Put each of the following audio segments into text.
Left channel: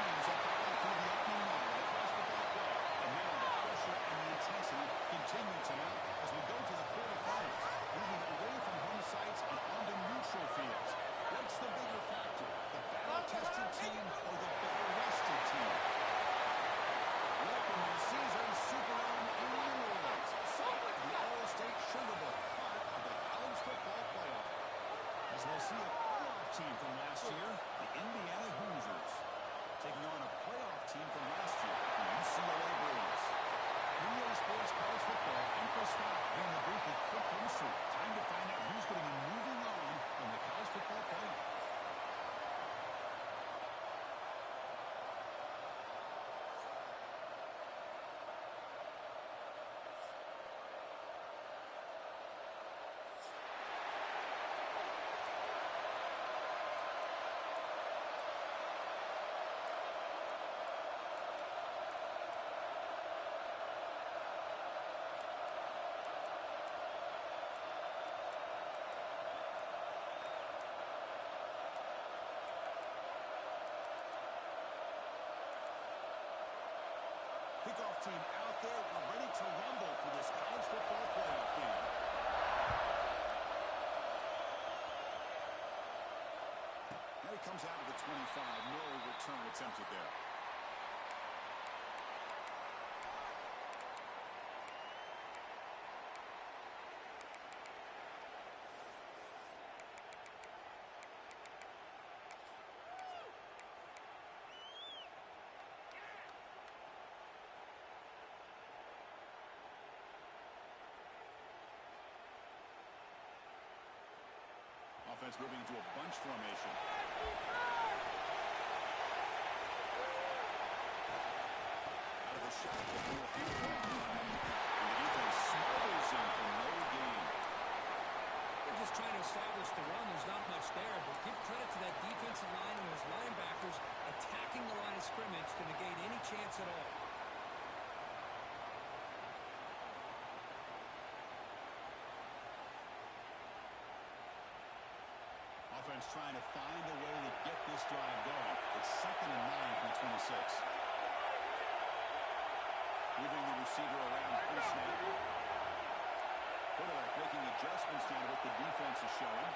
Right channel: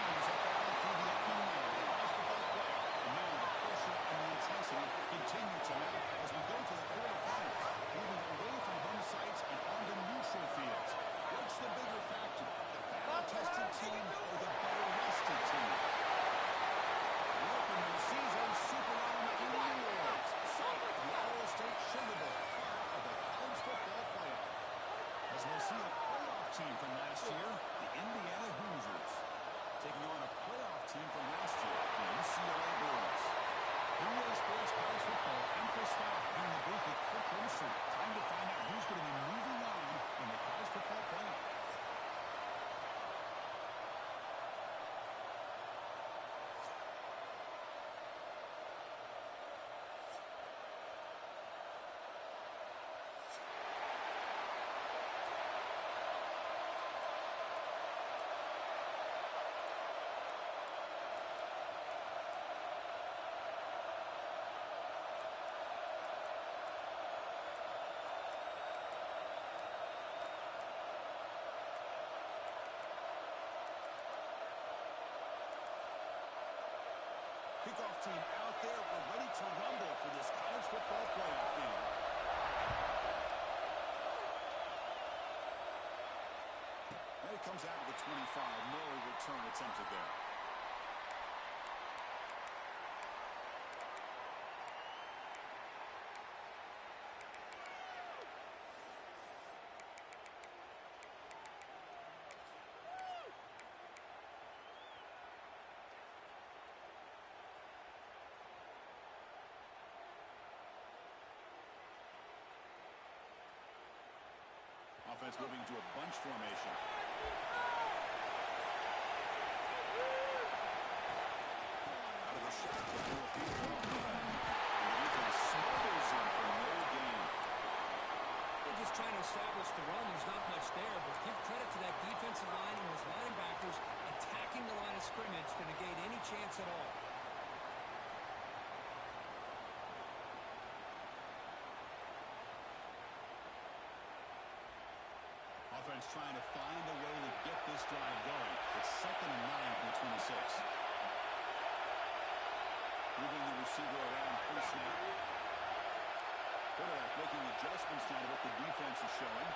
teams are battling through the opening night of the college football playoff. And now the pressure and the intensity continue to mount as we go to the quarterfinals, moving away from home sites and onto neutral fields. What's the bigger factor, the battle-tested team or the better-rested team? Welcome to the season Superdome in New Orleans, site of the All-State Sugar Bowl, part of the college football playoff. As we'll see a playoff team from last year, the Indiana Hoosiers, taking on a playoff team from last year, the UCLA Bruins. Premier Sports College Football and Chris Fowler here in the booth with Kirk Street. Time to find out who's going to be moving on in the college football playoff. Kickoff team out there. We're ready to rumble for this college football playoff game. And it comes out of the 25. No return attempted there. Offense moving into a bunch formation. Out of the shotgun, will hand it off. And the defense smothers him for no gain. They're just trying to establish the run. There's not much there, but give credit to that defensive line and those linebackers attacking the line of scrimmage to negate any chance at all. Offense trying to find a way to get this drive going. It's 2nd and 9 from the 26. Moving the receiver around pre-snap. Quarterback making adjustments now to what the defense is showing.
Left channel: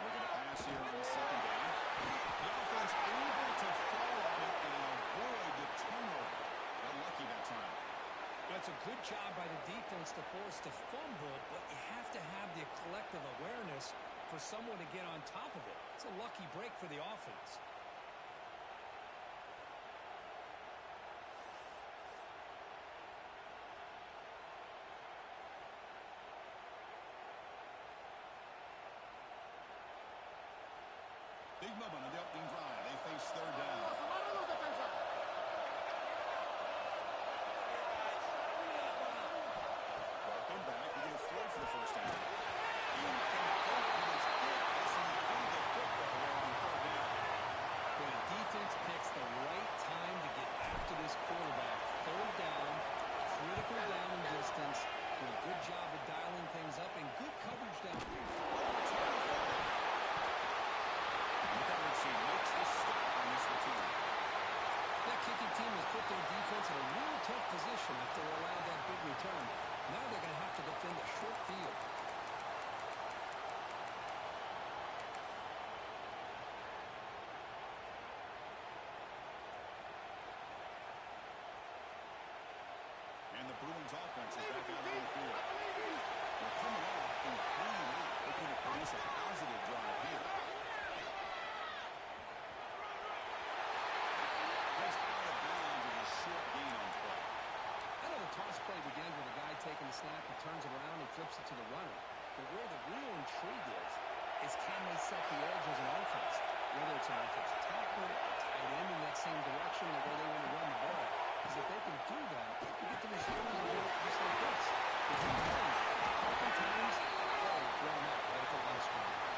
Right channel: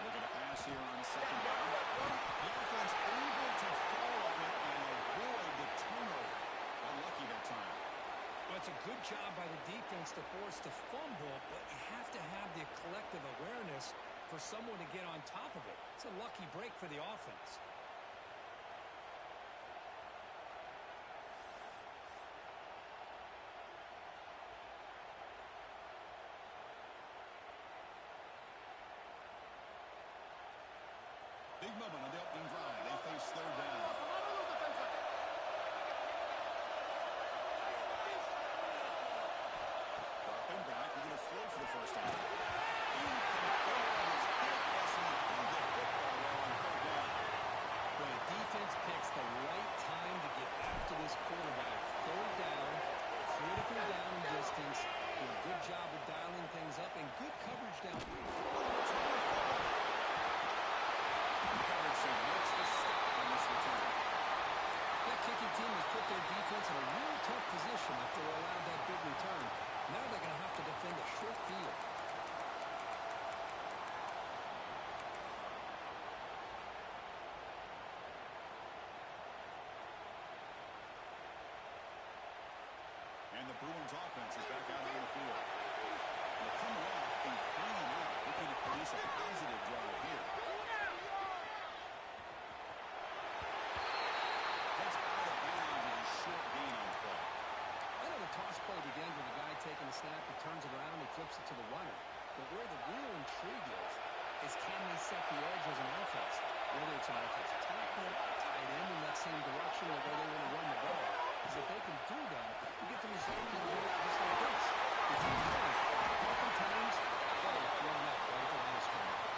Looking to pass here on the 2nd down. The offense able to fall on it and avoid the turnover. Got lucky that time. Well, it's a good job by the defense to force the fumble, but you have to have the collective awareness for someone to get on top of it. It's a lucky break for the offense. Big moment on the opening drive. They face 3rd down. Back, we're going to throw for the first down. Incomplete on his hit as he threw the football well on 3rd down. When the defense picks the right time to get after this quarterback, 3rd down, critical down and distance, do a good job of dialing things up and good coverage down here. The coverage team makes the stop on this return. That kicking team has put their defense in a really tough position if they're allowed that big return. Now they're going to have to defend a short field. And the Bruins offense is back out on the field. They're coming off a 3-and-out, looking to produce a positive drive here. Heads out of bounds as a short gain on play. I know the toss play begins with a guy taking the snap, he turns it around, he flips it to the runner. But where the real intrigue is can they set the edge as an offense? Whether it's an offensive tackle, a tight end in that same direction or where they want to run the ball. Because if they can do that, you get the result just like this. If you don't, oftentimes, ball is blown up right at the line of scrimmage.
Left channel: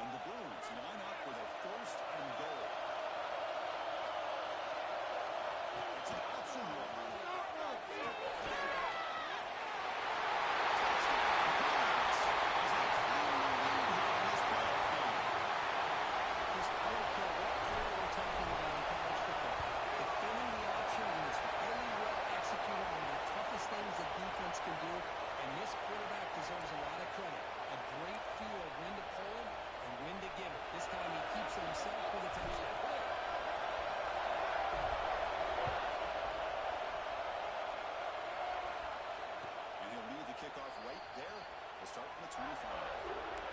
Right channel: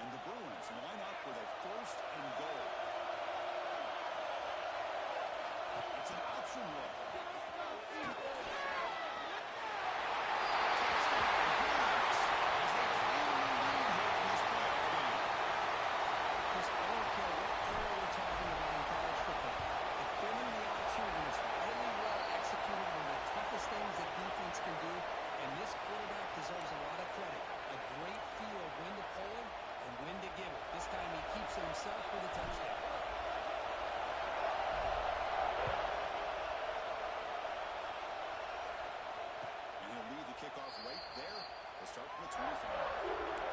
And the Bruins line up with a 1st best things that defense can do, and this quarterback deserves a lot of credit. A great feel of when to pull it and when to give it. This time he keeps it himself for the touchdown. And he'll lead the kickoff right there. We'll start from the 25.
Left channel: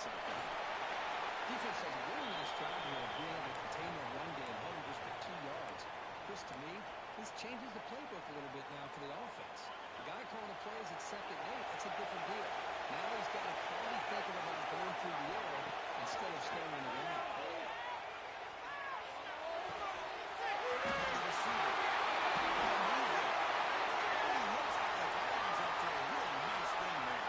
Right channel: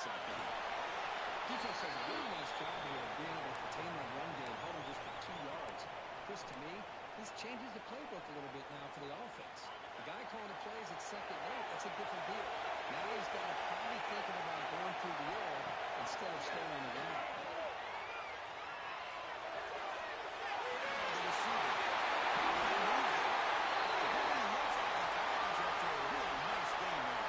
Shotgun. Defense does a really nice job here of being able to contain their run game, held them just to 2 yards. Chris, to me, this changes the playbook a little bit now for the offense. The guy calling the plays at 2nd and 8, that's a different deal. Now he's got to probably thinking about going through the air instead of staying on the ground. The receiver. He looks out of bounds after a really nice game there.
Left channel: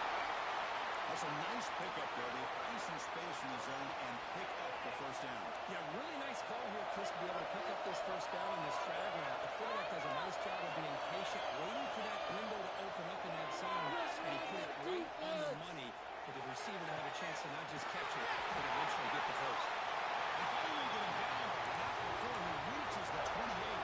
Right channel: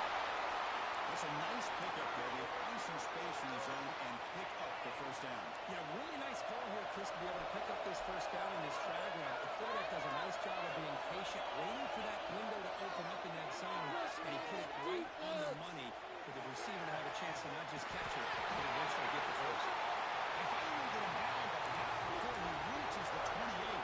That's a nice pickup there. They find some space in the zone and pick up the first down. Yeah, really nice call here, Chris, to be able to pick up this first down in this drag route. The quarterback does a nice job of being patient, waiting for that window to open up in that zone, and he put it right on the money for the receiver to have a chance to not just catch it, but eventually get the first. They finally get him down, but not before he reaches the 28.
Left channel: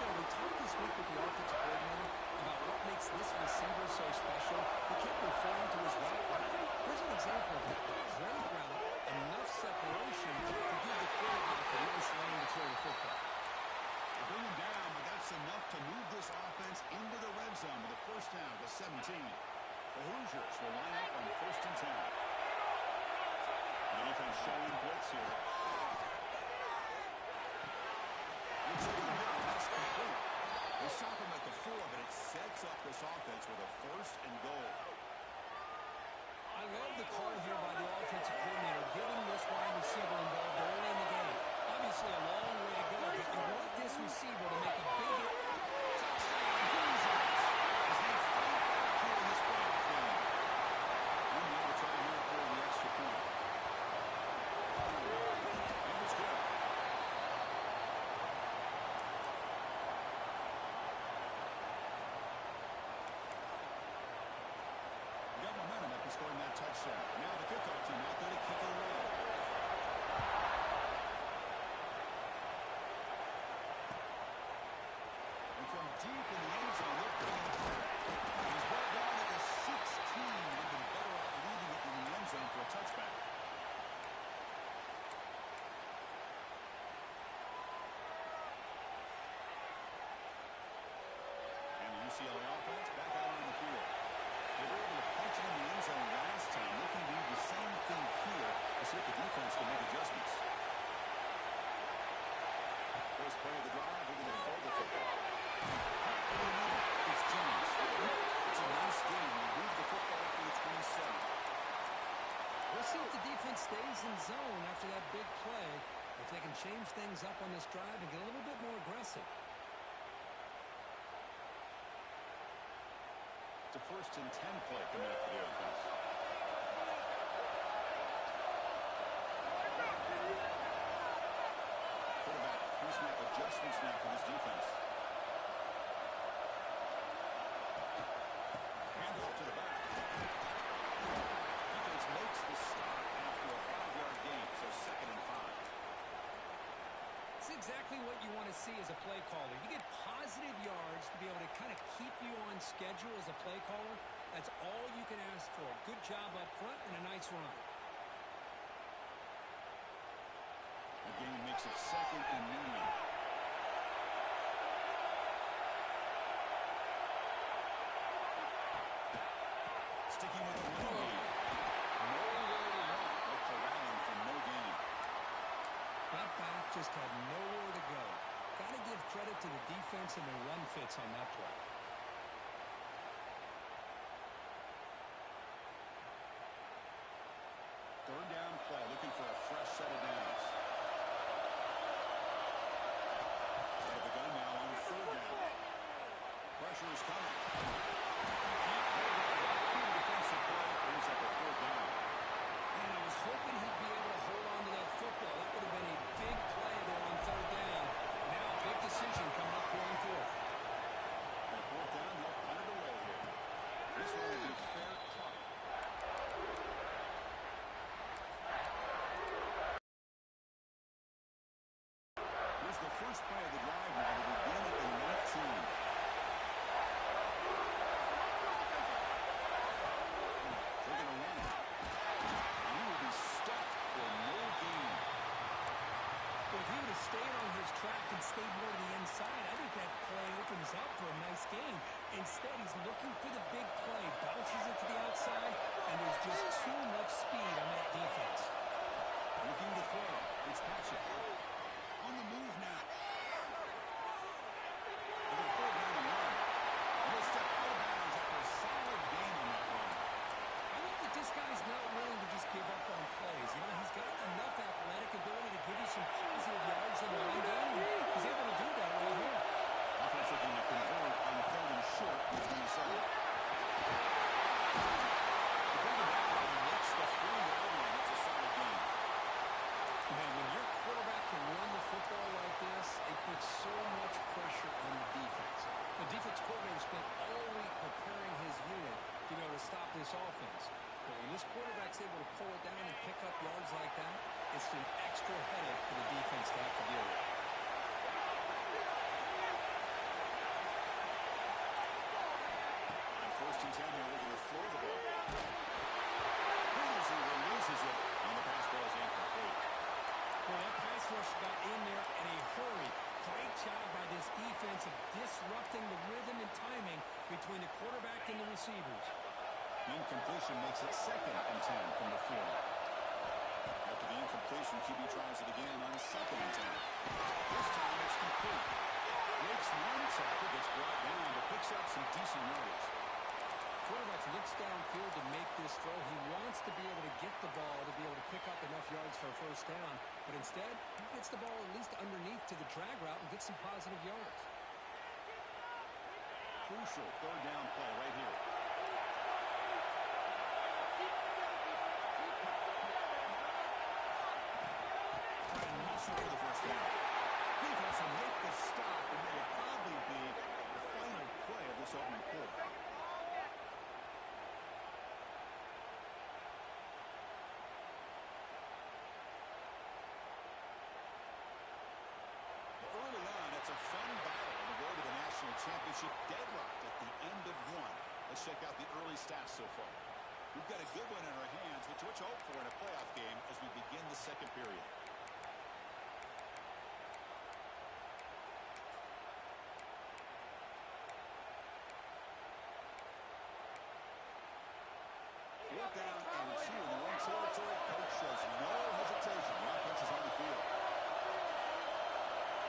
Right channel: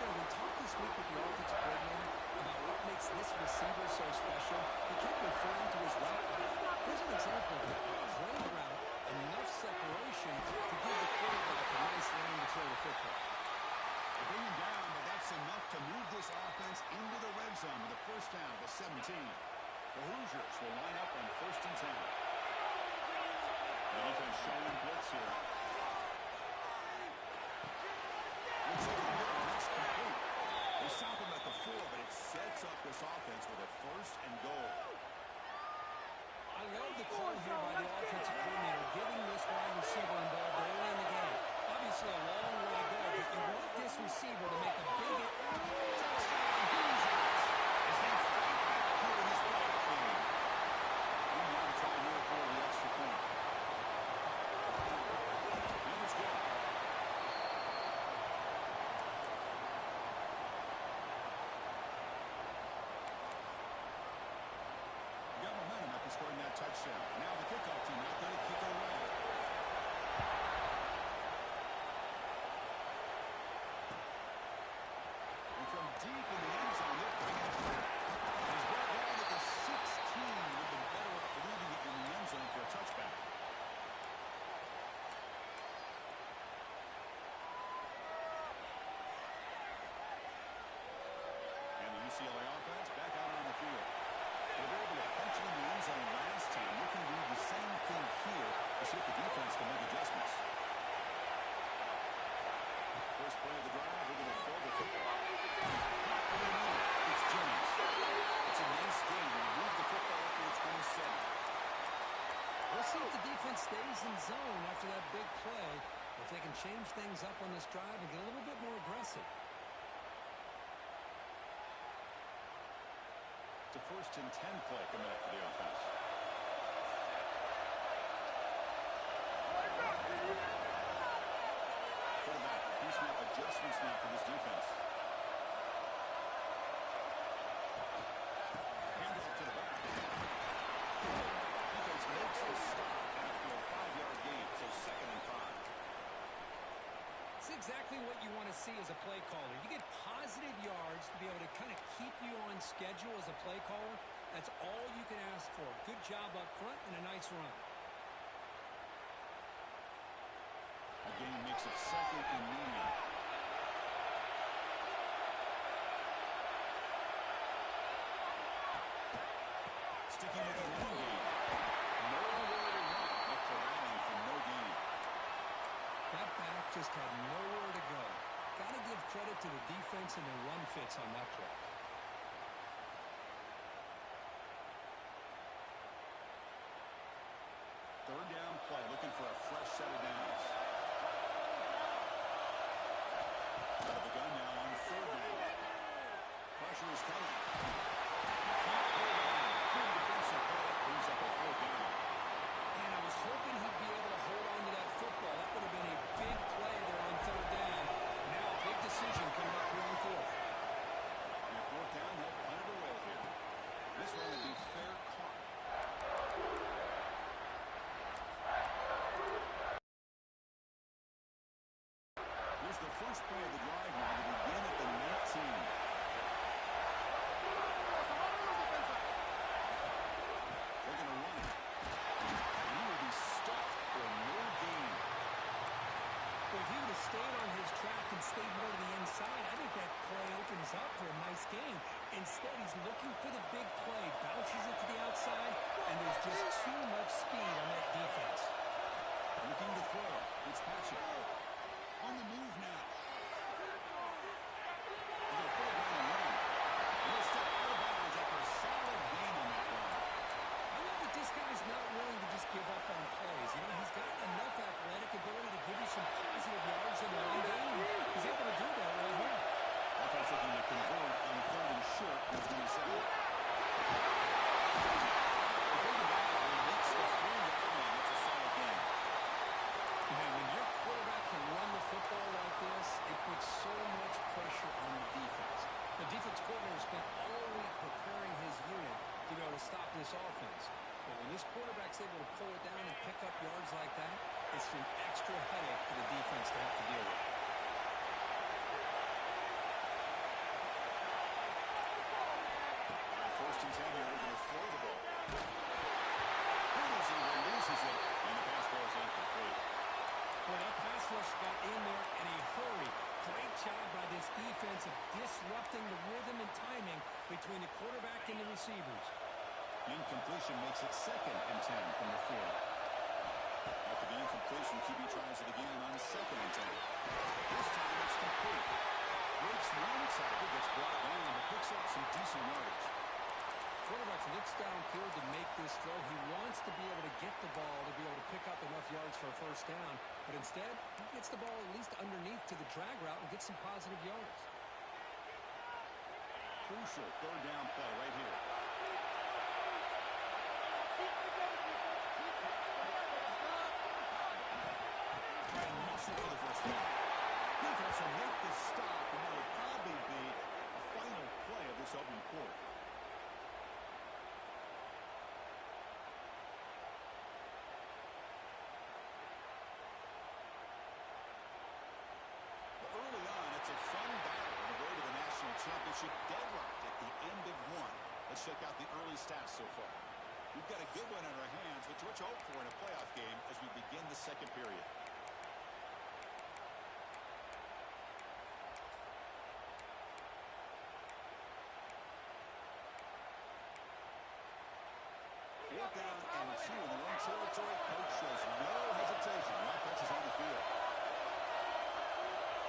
You know, we talked this week with the offensive coordinator about what makes this receiver so special. He kept referring to his route running. Here's an example of that. Great route, enough separation to give the quarterback a nice lane to throw the football. They bring him down, but that's enough to move this offense into the red zone with a first down at the 17. The Hoosiers will line up on 1st and 10. The defense showing blitz here. Looks over the middle, and that's complete. They stop him at the 4, but it sets up this offense with a 1st and goal. I love the call here by the offensive coordinator, getting this wide receiver involved early in the game. Obviously a long way to go, but you want this receiver to make a big Touchdown, Hoosiers! As they fight back here in this playoff game. And now to try here for the extra point. And it's good. Got momentum after scoring that touchdown. Now the kickoff team out there to kick it away. And from deep in the end zone, they'll bring it up. He's brought down at the 16. Would have been better off leaving it in the end zone for a touchback. And the UCLA offense back out on the field. They were able to punch it in the end zone last time. They can do the same thing here to see if the defense can make adjustments. First play of the drive, they're going to throw the football. It's James. It's a nice game. They move the football up to the 27. We'll see if the defense stays in zone after that big play, if they can change things up on this drive and get a little bit more aggressive. It's a 1st and 10 play coming up for the offense. Quarterback, pre-snap adjustments now for this defense. Handoff to the back. Defense makes the stop after a 5-yard gain, so 2nd and 5. That's exactly what you want to see as a play caller. You get positive yards to be able to kind of keep you on schedule as a play caller. That's all you can ask for. Good job up front and a nice run. The game makes it 2nd and medium. Sticking with the run game. Nowhere to run, but corralling for no gain. That back just had nowhere to go. Got to give credit to the defense and their run fits on that play. Third down play, looking for a fresh set of downs. Out of the gun now on 3rd down. Pressure is coming. Can't hold on. Good defensive play, brings up a 4th down. the first play of the drive now to begin at the 19. They're going to run it. And he will be stuffed for no gain. Well, if he would have stayed on his track and stayed more to the inside, I think that play opens up for a nice gain. Instead, he's looking for the big play, bounces it to the outside, and there's just too much speed on that defense. Looking to throw. It's Patrick. On the move now. They're going to pull it down and run. And he'll step out of bounds after a solid gain on that run. I love that this guy's not willing to just give up on plays. You know, he's got enough athletic ability to give you some positive yards in the run game. He's able to do that right here. Offense looking to convert on 3rd and short with 27. Bring it down and lets the 4-yard line. That's a solid gain. Man, when your quarterback can run the football like this, it puts so much pressure on the defense. The defense coordinator spent all week preparing his unit to be able to stop this offense. But when this quarterback's able to pull it down and pick up yards like that, it's an extra headache for the defense to have to deal with. On 1st and 10 here, they're going to throw the ball. He releases it, and the pass ball is incomplete. Well, that pass rush got in there in a hurry. Great job by this defense of disrupting the rhythm and timing between the quarterback and the receivers. Incompletion makes it 2nd and 10 from the 40. After the incompletion, QB tries it again on 2nd and 10. This time it's complete. Breaks one tackle, gets brought down, but picks up some decent yardage. Quarterback looks downfield to make this throw. He wants to be able to get the ball to be able to pick up enough yards for a 1st down. But instead, he gets the ball at least underneath to the drag route and gets some positive yards. Crucial 3rd down play right here. Trying to muscle for the 1st down. Defense will make the stop, and it will probably be the final play of this opening quarter. Early on, it's a fun battle on the road to the national championship, deadlocked at the end of one. Let's check out the early stats so far. We've got a good one in our hands, which what you hope for in a playoff game as we begin the 2nd period. Fourth down and 2 in their own territory. Coach shows no hesitation. The offense is on the field.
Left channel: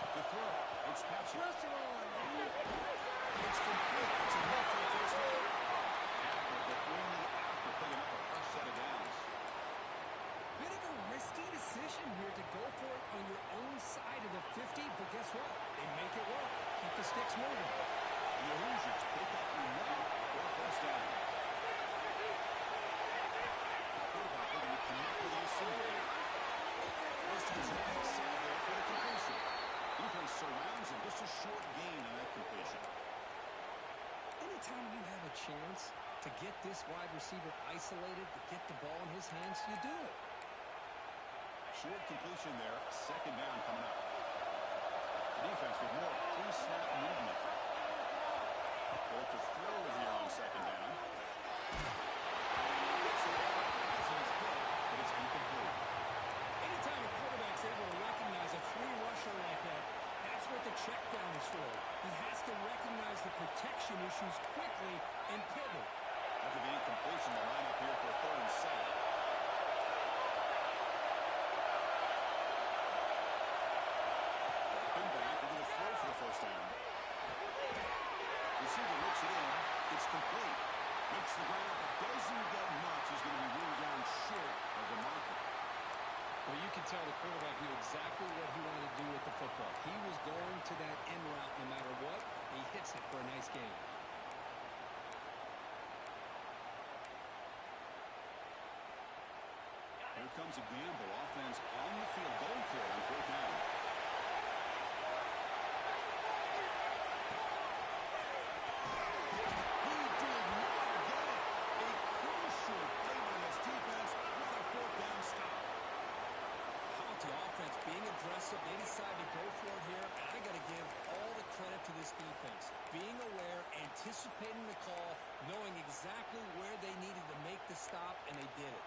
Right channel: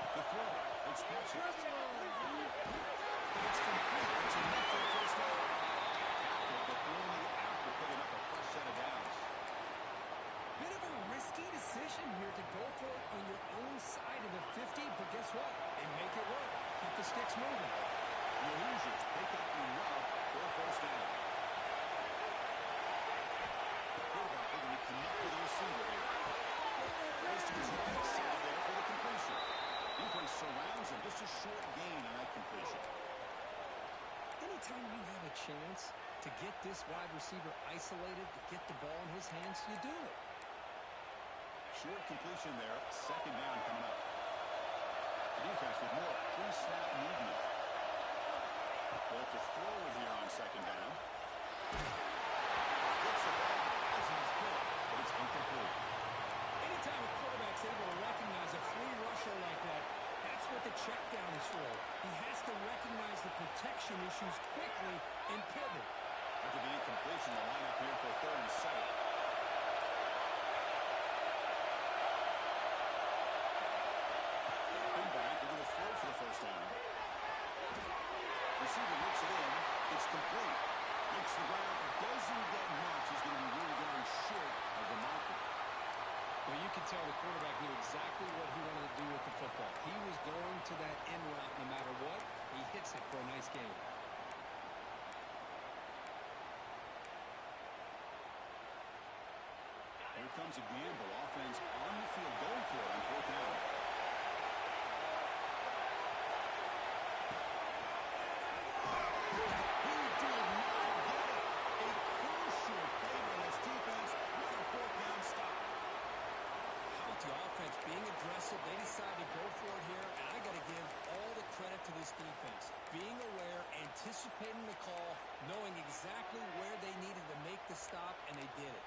The throw. It's Patrick. It's complete. It's enough for a 1st down. Tackled, but only after picking up a fresh set of downs. Bit of a risky decision here to go for it on your own side of the 50, but guess what? They make it work. Keep the sticks moving. The Hoosiers pick up enough for a 1st down. The quarterback looking to connect with the receiver here. First is right side there for the completion. Defense surrounds him. Just a short gain on that completion. Anytime you have a chance to get this wide receiver isolated, to get the ball in his hands, you do it. Short completion there. 2nd down coming up. The defense with more pre-snap movement. Bolt to throw here on 2nd down. Gets the ball as he's hit, but it's incomplete. Anytime a quarterback's able to recognize a free rusher like that, that's what the check down is for. He has to recognize the protection issues quickly and pivot. After the incompletion, the lineup here for 3rd and 7. Back, they're going to throw for the 1st down. Receiver looks it in. It's complete. Makes the ground, but doesn't get much. He's going to be ruled down short of the marker. Well, you can tell the quarterback knew exactly what he wanted to do with the football. He was going to that end route no matter what. He hits it for a nice gain. Here comes a gamble. Offense on the field, going for it on 4th down. He did not get it. A crucial play by this defense. What a 4th down stop. How about the offense offense being aggressive. They decide to go for it here, and I got to give all the credit to this defense. Being aware, anticipating the call, knowing exactly where they needed to make the stop, and they did it.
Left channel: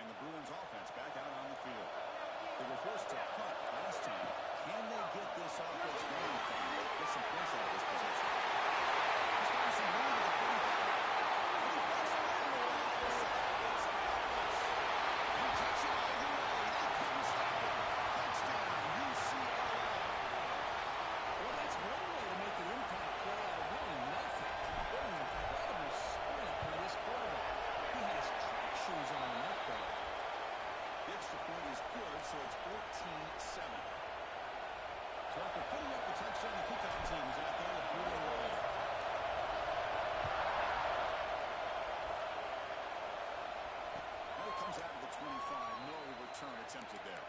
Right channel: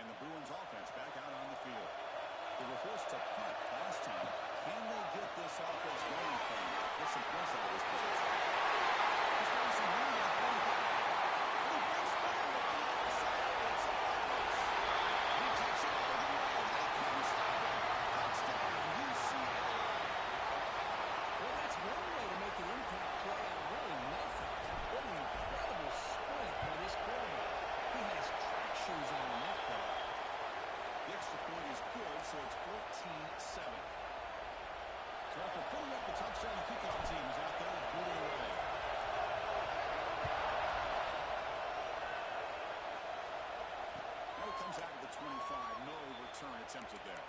And the Bruins offense back out on the field. They were forced to punt last time. Can they get this offense going from it? Get some points out of this position. This one's some room to the 45. And he breaks free on the outside. It's a Cardinals. He takes it all the way. They couldn't stop him. Touchdown, UCLA. Well, that's one way to make an impact play out of really nothing. What an incredible sprint by this quarterback. He had his track shoes on in that play. The extra point is good, so it's 14-7. So after putting up the touchdown, the kickoff team is out there to boot it away. Now he comes out to the 25. No return attempted there.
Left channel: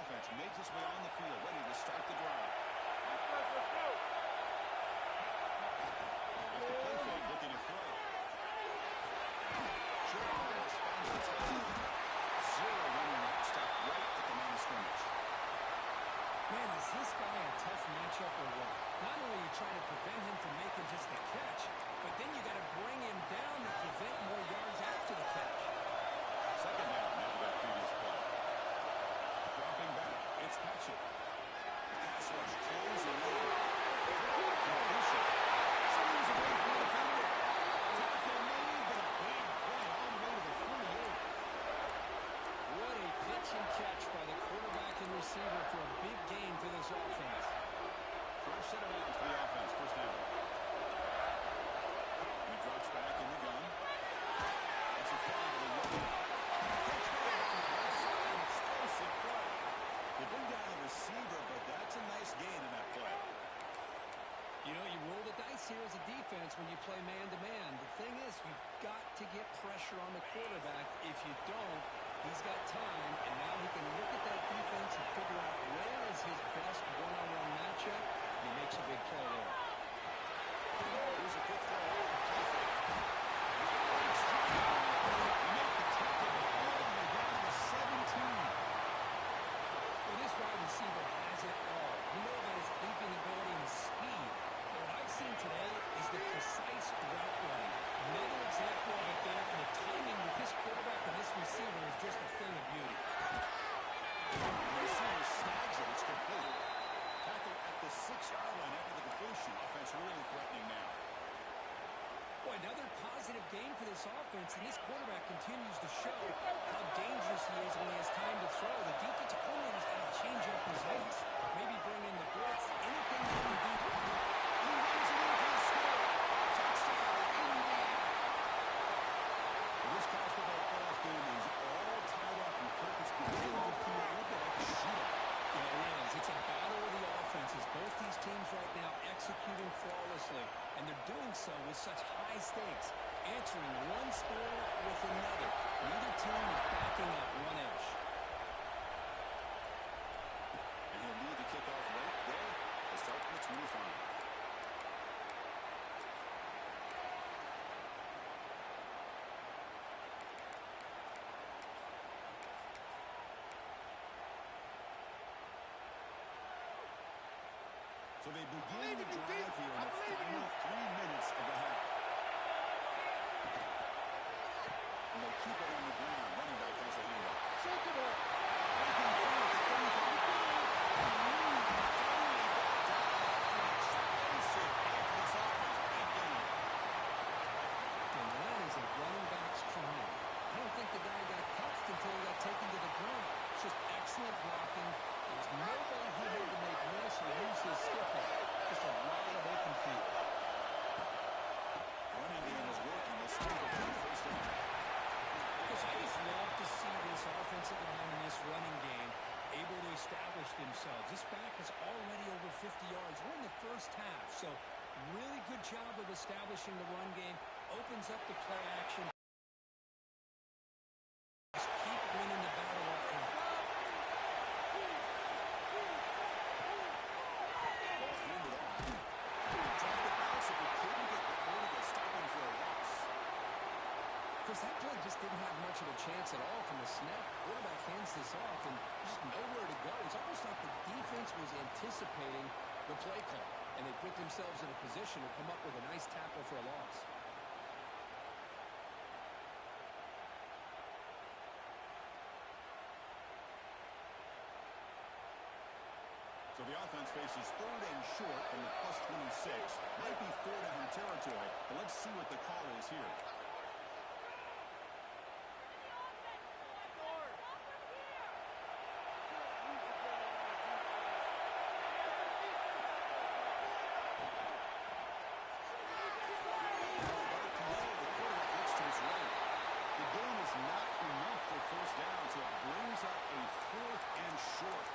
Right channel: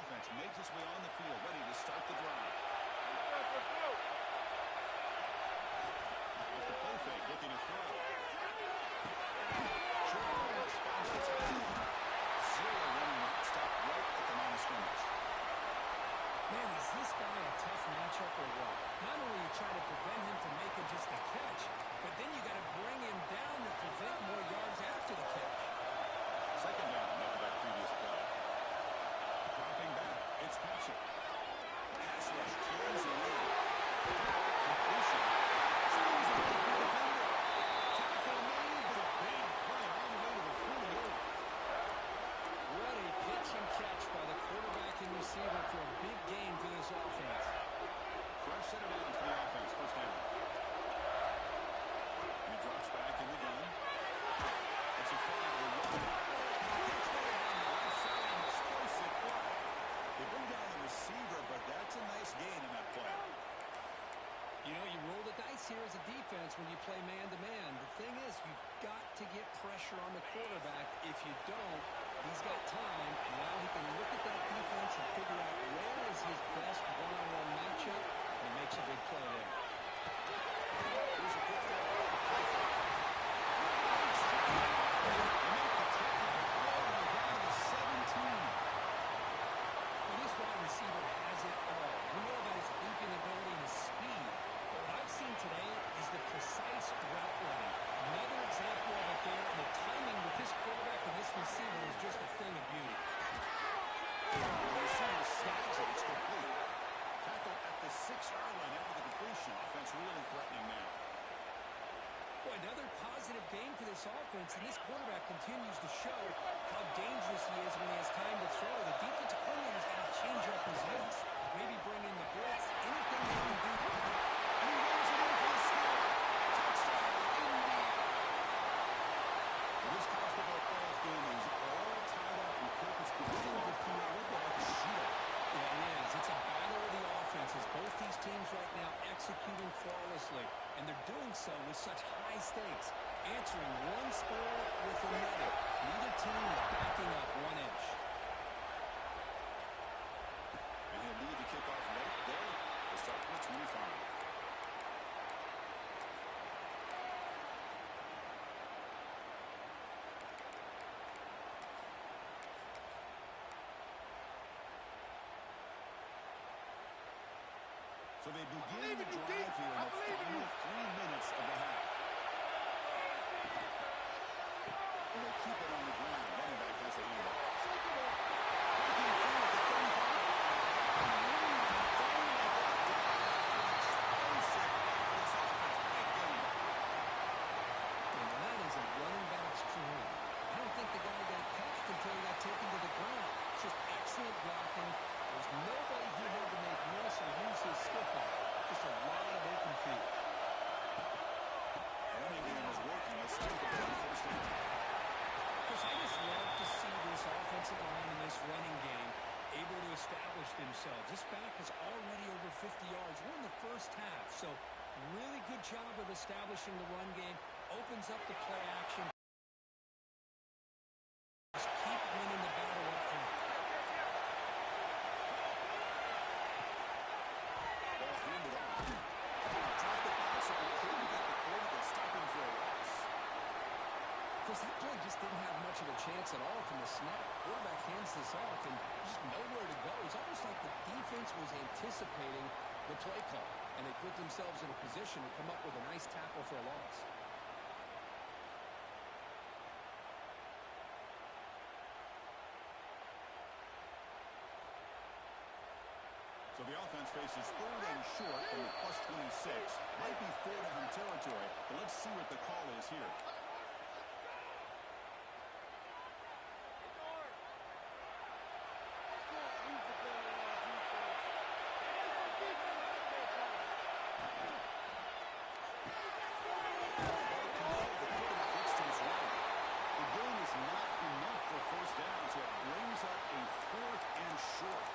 Offense makes its way on the field, ready to start the drive. Let's go. With the play fake, looking to throw. Short pass finds the tackle. Zero running route stop right at the line of scrimmage. Man, is this guy a tough matchup or what? Not only you try to prevent him from making just a catch, but then you got to bring him down to prevent more yards after the catch. Second down after that previous play. Dropping back, it's Patchett. Pass rush closing in. Completion. Swings away from the defender. Tackle made, but a big play all the way to the 48. What a pitch and catch by the quarterback and receiver for a big gain for this offense. Fresh set of downs for the offense. First down. And he drops back in the gun. That's a fly to the right. Catch made on the left side. An explosive play. They bring down the receiver, but that's a nice gain in that play. You know, you roll the dice here as a defense when you play man-to-man. The thing is, you've got to get pressure on the quarterback. If you don't, he's got time, and now he can look at that defense and figure out where is his best one-on-one matchup, and he makes a big play there. Here's a quick throw off the play fake. They make the tackle, but all the way down to the 17. Well, this wide receiver has it all. We know about his leaping ability and his speed. But what I've seen today is the precise route running. Another example of it there, and the timing with this quarterback and this receiver is just a thing of beauty. The receiver snags it. It's complete. Tackle at the 6-yard line after the completion. Offense really threatening now. Boy, another positive game for this offense, and this quarterback continues to show how dangerous he is when he has time to throw. The defensive coordinator's got to change up his looks, maybe bring in the blitz, anything they can do. And he runs it in for the score. Touchdown, Indiana. Well, this college football playoff game is all tied up, and Kirk, it's beginning to feel a little bit like a shootout. Yeah, it is. It's a battle of the offenses. Both these teams right now executing flawlessly, and they're doing so with such high stakes, answering one score with another. Neither team is backing up one inch. And he'll lead the kickoff right there to start from the 25. So they begin the drive here in the final 3 minutes of the half. And they keep it on the ground. Running back has the handoff. Breaking through at the 35. Finally brought down after an explosive play for this offense. Big game. And that is a running back's dream. I don't think the guy got touched until he got taken to the ground. It's just excellent blocking. There's nobody he had to make miss or use his stiff on. Just a lot of open field. Running game is working. Let's take a big first down. Because I just love to see this offensive line and this running game able to establish themselves. This back is already over 50 yards. We're in the first half, so really good job of establishing the run game. Opens up the play action. Just keep winning the battle up front. Ball handed off. Tried to bounce it, but just didn't have much of a chance at all from the snap. Quarterback hands this off, and just nowhere to go. It's almost like the defense was anticipating the play call, and they put themselves in a position to come up with a nice tackle for a loss. So the offense faces 3rd and short from the +26. Might be 4-down territory, but let's see what the call is here. Not enough for 1st down, so it brings up a 4th and short.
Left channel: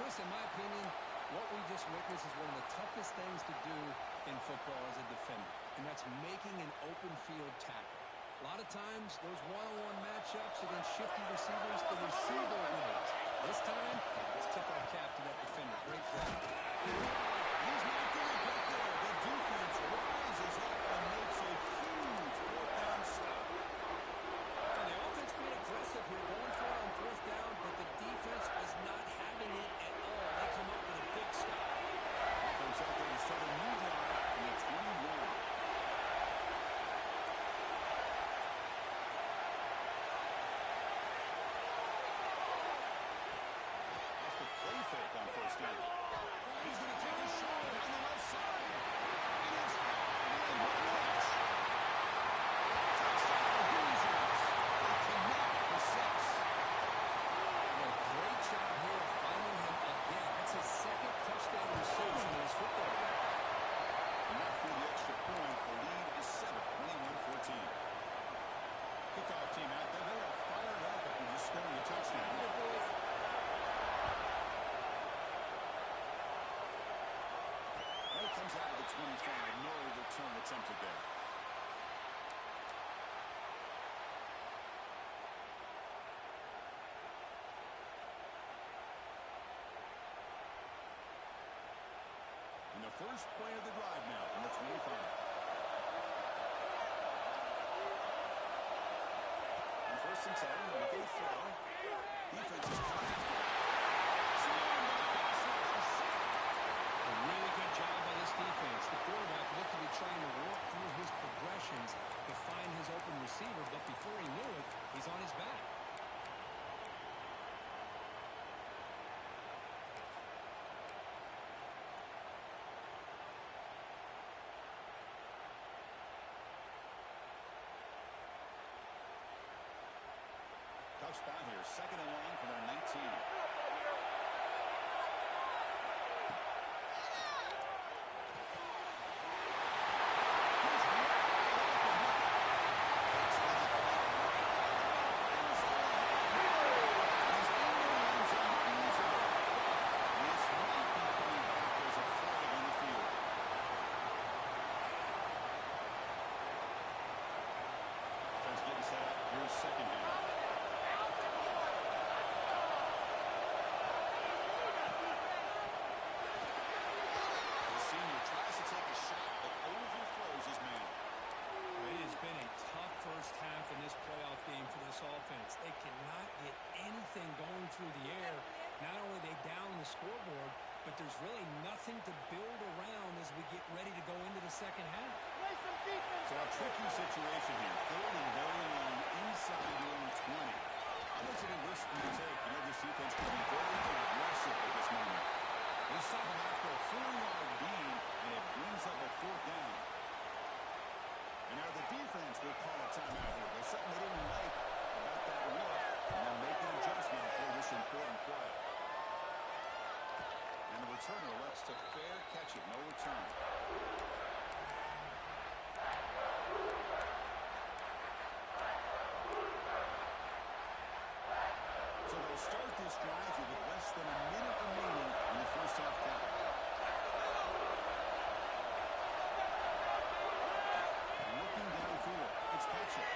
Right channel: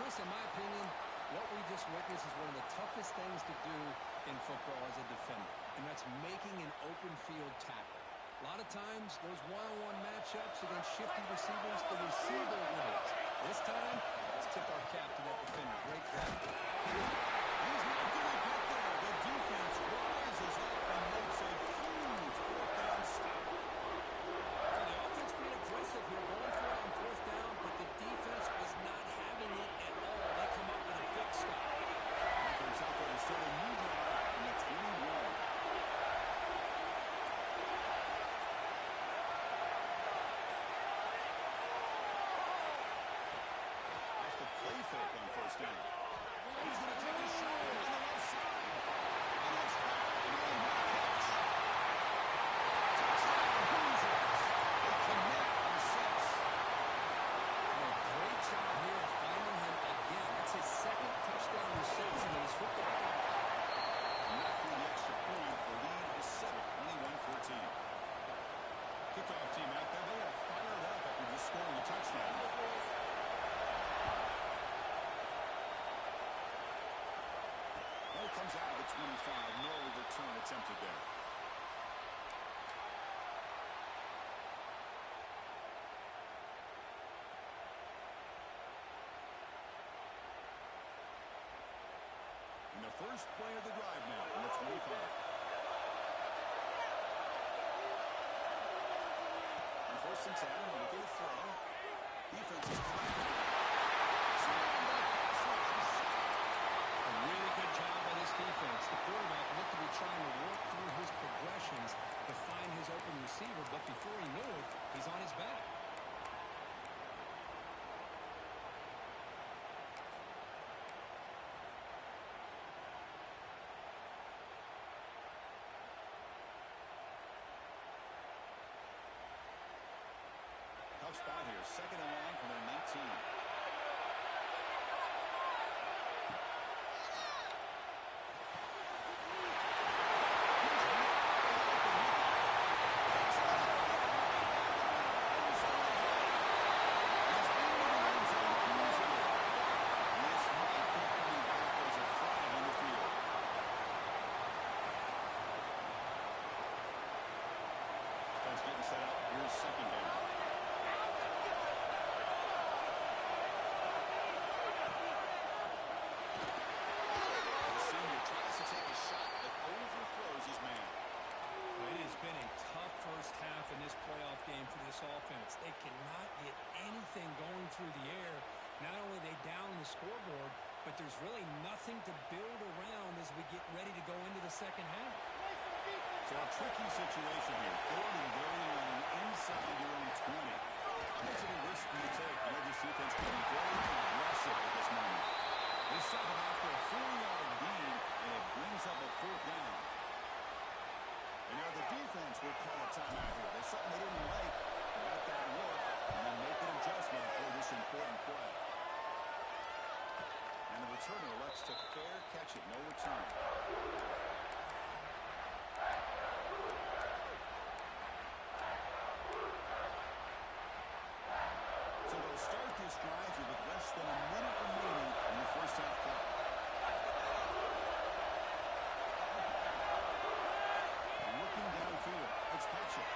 Chris, in my opinion, what we just witnessed is one of the toughest things to do in football as a defender, and that's making an open field tackle. A lot of times, those one-on-one matchups against shifty receivers, the receiver wins. This time, let's tip our cap to that defender. Great job. He's not going to get there. The defense rises up and makes a huge 4th down stop. So the offense being aggressive here, going for it on 4th down, but the defense was not having it at all. They come up with a big stop. Offense out there to start a new drive from the 21. Off the play fake on 1st down. He's going to take a shot down the left side. And it's high and what a catch. Touchdown Hoosiers. They connect for 6. A great job here of finding him again. That's his 2nd touchdown reception in his football game. And not through the extra point. The lead is 7, 21-14. Kickoff team out there. They are fired up after just scoring a touchdown. And it comes out of the 25. No return attempted there. And the first play of the drive now from the 25. On 1st and 10, looking to throw. Defense is coming after him. Swarmed by the pass rush. He's sacked. A really good job by this defense. The quarterback looked to be trying to work through his progressions to find his open receiver, but before he knew it, he's on his back. Tough spot here. 2nd and long from their 19. Getting set up. Here's 2nd down. The senior tries to take a shot but overthrows his man. It has been a tough first half in this playoff game for this offense. They cannot get anything going through the air. Not only are they down the scoreboard, but there's really nothing to build around as we get ready to go into the second half. So a tricky situation here. 3rd and very long inside your own 20. How much of a risk do you take? You know this defense can be very aggressive at this moment. They stop him after a 4-yard gain, and it brings up a 4th down. And now the defense will call a timeout here. There's something they didn't like about that look, and then make an adjustment for this important play. And the returner elects to fair catch it. No return. So they'll start this drive with less than a minute remaining in the first half clock. Looking downfield, it's Patrick,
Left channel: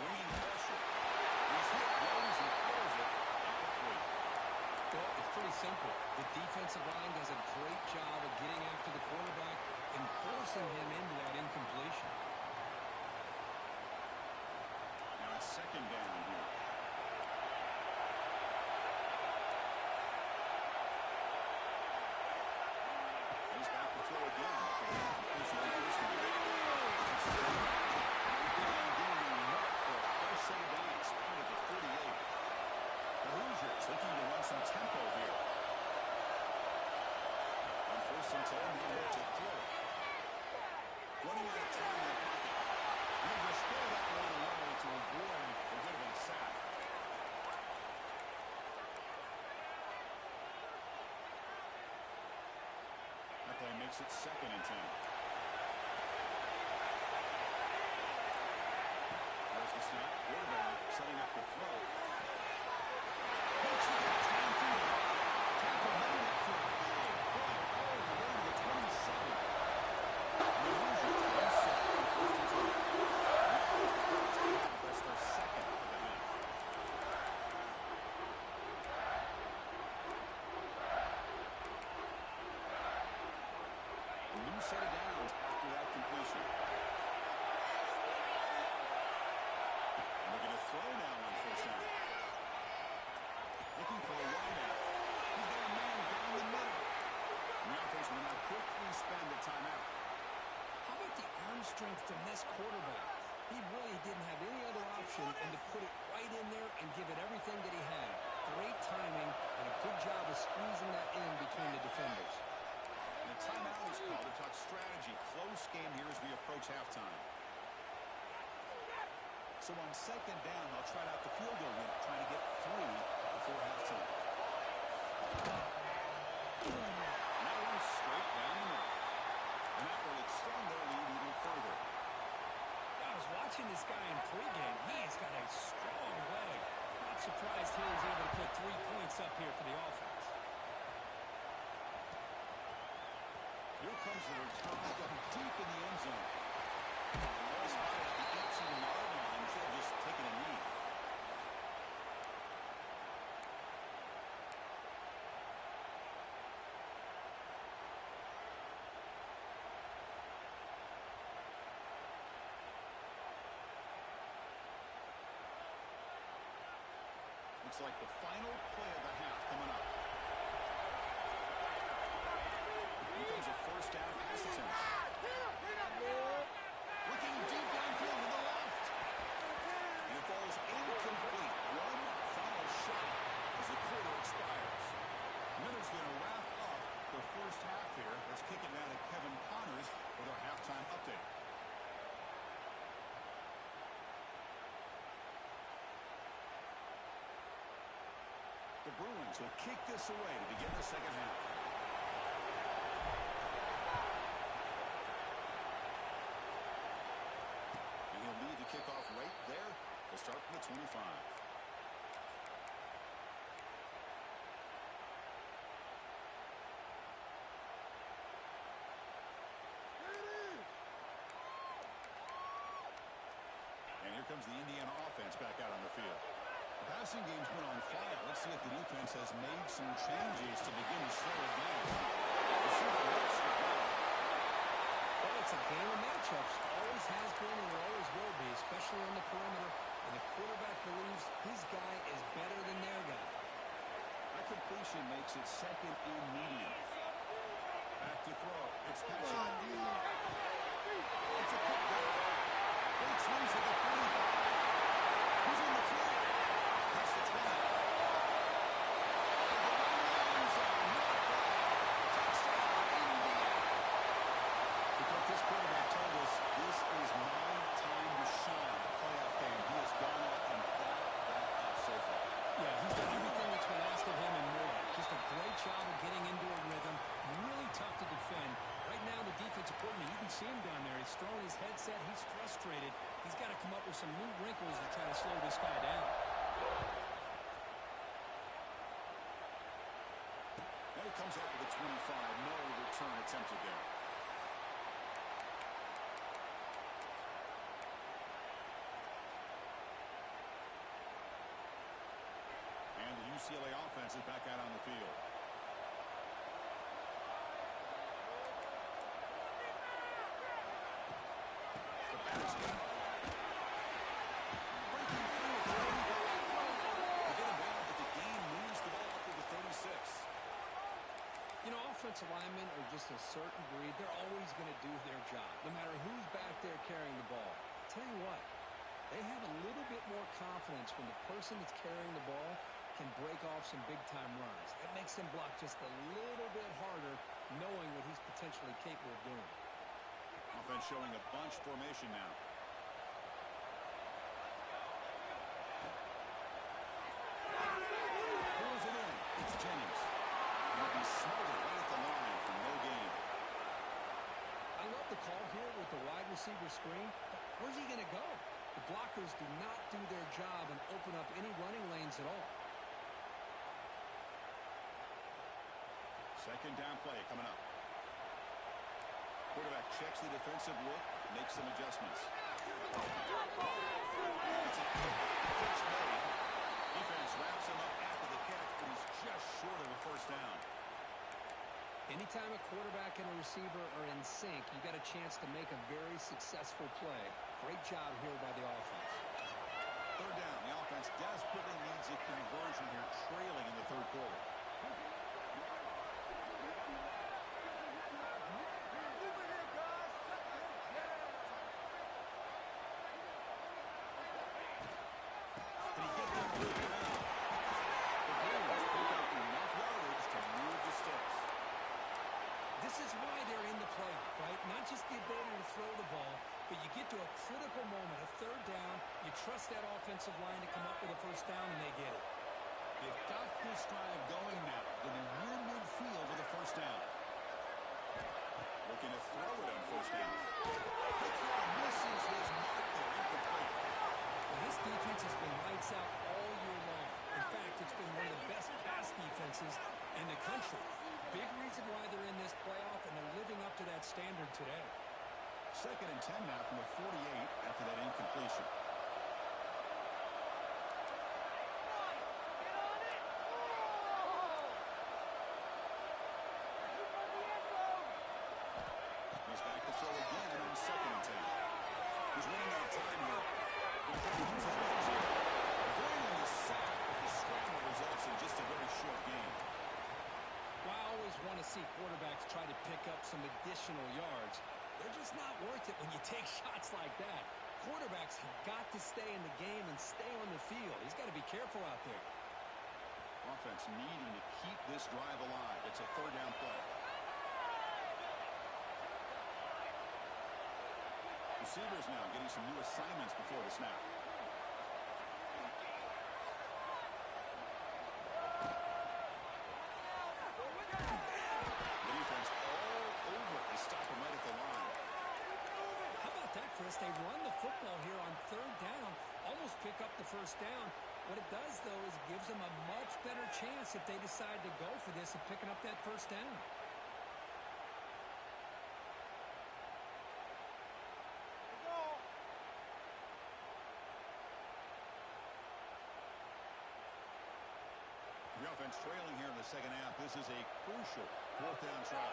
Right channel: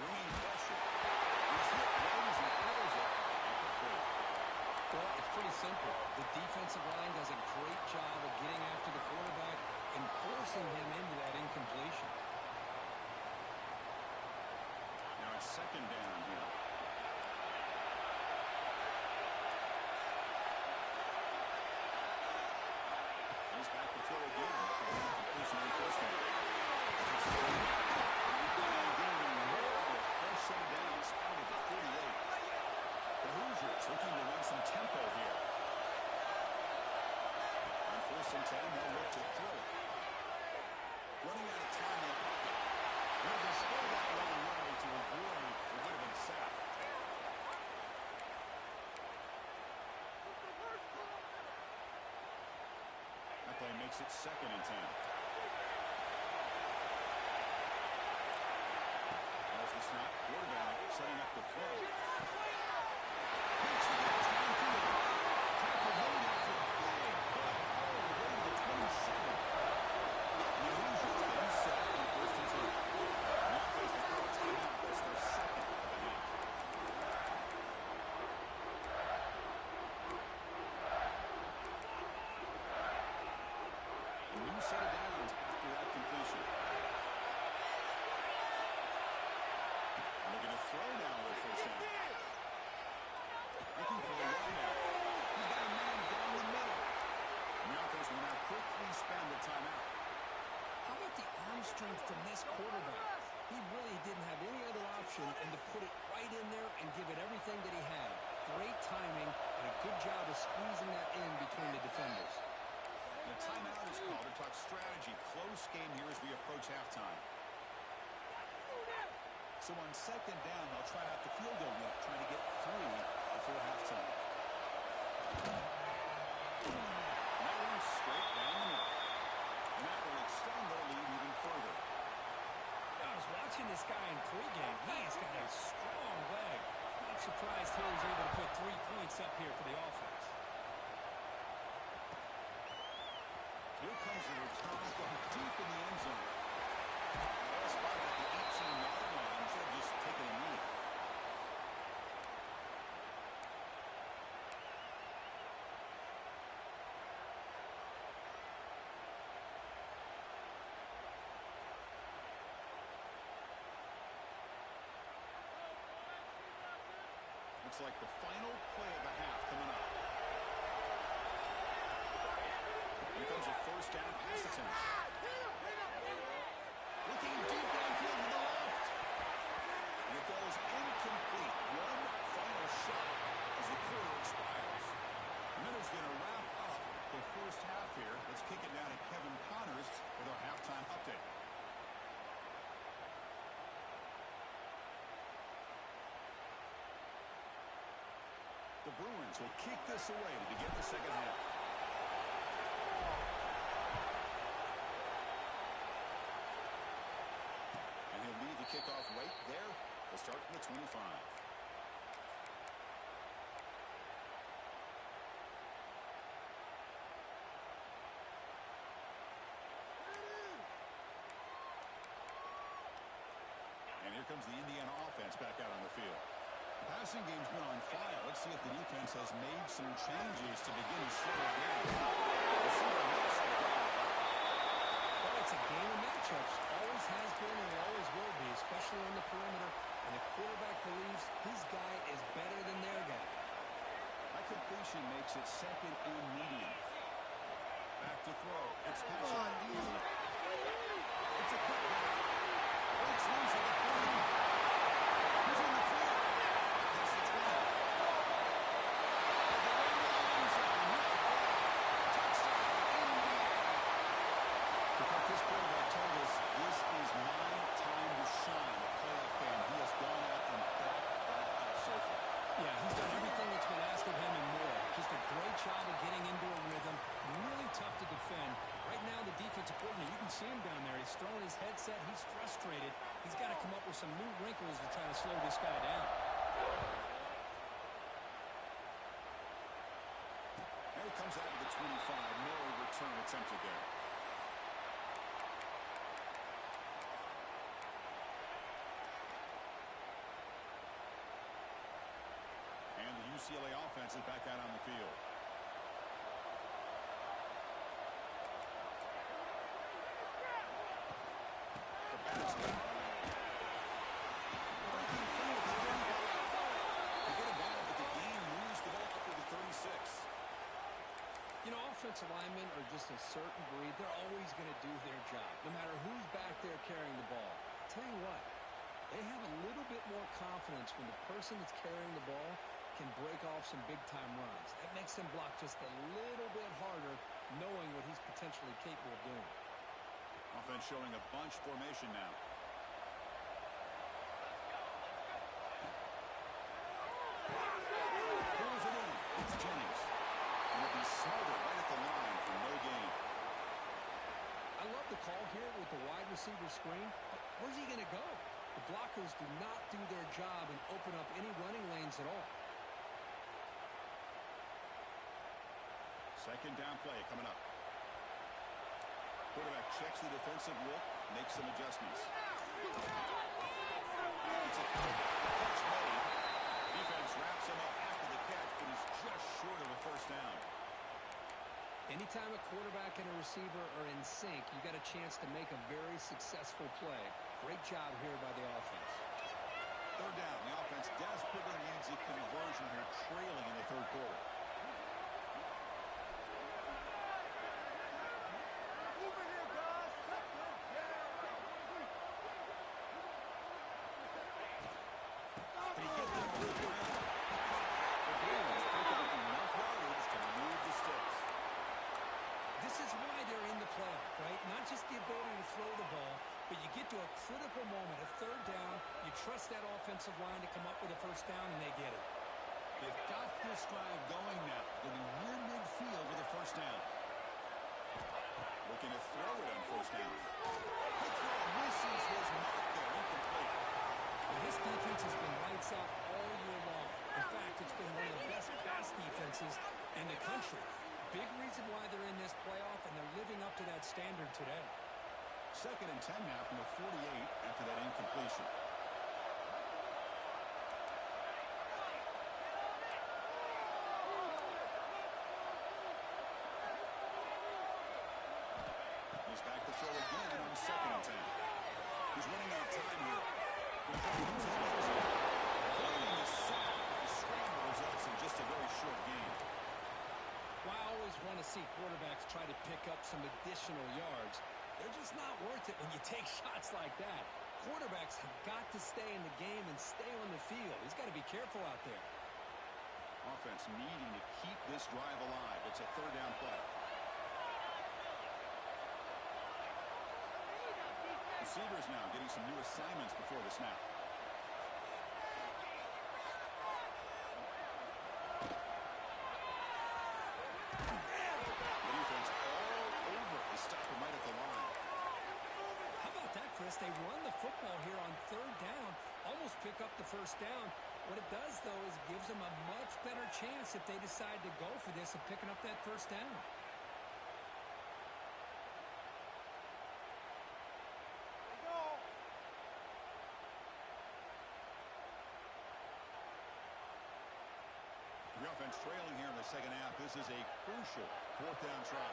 bringing pressure. He's hit right as he throws it, incomplete. Well, it's pretty simple. The defensive line does a great job of getting after the quarterback and forcing him into that incompletion. second down here. He's back to throw again. Completion on first down. For a fresh set of downs, spotted at the 48. The Hoosiers looking to run some tempo here. On first and 10, they'll look to throw it. Running out of time in the pocket. He'll just throw that one away to avoid what would have been sacked. That play makes it second and 10. There's the snap. Quarterback setting up the throw. Makes the catch downfield. Tackle made after a big play all the way to the 27. The Hoosiers getting set on first and 10. The offense will call a timeout. That's their second of the half. A new set of downs after that completion. And they're going to throw now on first down. Looking for the wideout. He's got a man down the middle. And the offense will now quickly spend a timeout. How about the arm strength from this quarterback? He really didn't have any other option than to put it right in there and give it everything that he had. Great timing and a good job of squeezing that in between the defenders. And a timeout is called to talk strategy. Close game here as we approach halftime. So on second down, they'll try out the field goal unit, trying to get 3 before halftime. And that one's straight down the middle. And that will extend their lead even further. I was watching this guy in pregame. He's got a strong leg. Not surprised he was able to put 3 points up here for the offense. Here comes the return from deep in the end zone. Ball spotted at the 18-yard line. Should have just taken a knee. Looks like the final play of the half coming up. Here comes a first down pass attempt. Looking deep downfield to the left. And it falls incomplete. One final shot as the quarter expires. And that is going to wrap up the first half here. Let's kick it down to Kevin Connors with our halftime update. The Bruins will kick this away to begin the second half. And he'll lead the kickoff right there. We'll start from the 25. And here comes the Indiana offense back out on the field. The passing game's been on fire. Let's see if the defense has made some changes to begin to slow it down. Well, it's a game of matchups. Always has been and always will be, especially on the perimeter. And the quarterback believes his guy is better than their guy. That completion makes it second and medium. Back to throw. It's Patrick. It's a putback. Breaks loose at the 45. He's in the clear. That's the 20. Touchdown, Indiana. Because this quarterback told us this is my time to shine. A playoff game. He has gone out and backed that up so far. Yeah, he's done everything that's been asked of him and more. Just a great job of getting into a rhythm. Really tough to defend. Right now, the defensive coordinator, you can see him down there. He's throwing his headset. He's frustrated. He's got to come up with some new wrinkles to try to slow this guy down. And it comes out to the 25. No return attempted there. And the UCLA offense is back out on the field. The basket. Breaking free You know, offensive linemen are just a certain breed. They're always going to do their job, no matter who's back there carrying the ball. I'll tell you what, they have a little bit more confidence when the person that's carrying the ball can break off some big-time runs. That makes them block just a little bit harder, knowing what he's potentially capable of doing. Offense showing a bunch formation now. Pulls it in. It's Jennings. He'll be smothered right at the line for no gain. I love the call here with the wide receiver screen, but where's he going to go? The blockers do not do their job and open up any running lanes at all. Second down play coming up. Quarterback checks the defensive look, makes some adjustments. It's a catch made. Defense wraps him up after the catch, but he's just short of a first down. Anytime a quarterback and a receiver are in sync, you got a chance to make a very successful play. Great job here by the offense. Third down. The offense desperately needs a conversion here, trailing in the third quarter. This is why they're in the playoff, right? Not just the ability to throw the ball, but you get to a critical moment, a third down, you trust that offensive line to come up with a first down, and they get it. They've got this drive going now, getting near midfield with a first down. Looking to throw it on first down. The throw misses his mark there, incomplete. Well, this defense has been lights out all year long. In fact, it's been one of the best pass defenses in the country. Big reason why they're in this playoff, and they're living up to that standard today. Second and 10 now from the 48 after that incompletion. He's back to throw again on second and 10. He's running out of time here. Avoiding the sack, but the scramble results in just a very short gain. Well, I always want to see quarterbacks try to pick up some additional yards. They're just not worth it when you take shots like that. Quarterbacks have got to stay in the game and stay on the field. He's got to be careful out there. Offense needing to keep this drive alive. It's a third down play. Receivers now getting some new assignments before the snap. The defense all over. They stop him right at the line. How about that, Chris? They run the football here on third down, almost pick up the first down. What it does, though, is it gives them a much better chance if they decide to go for this of picking up that first down. The offense trailing here in the second half. This is a crucial fourth down try.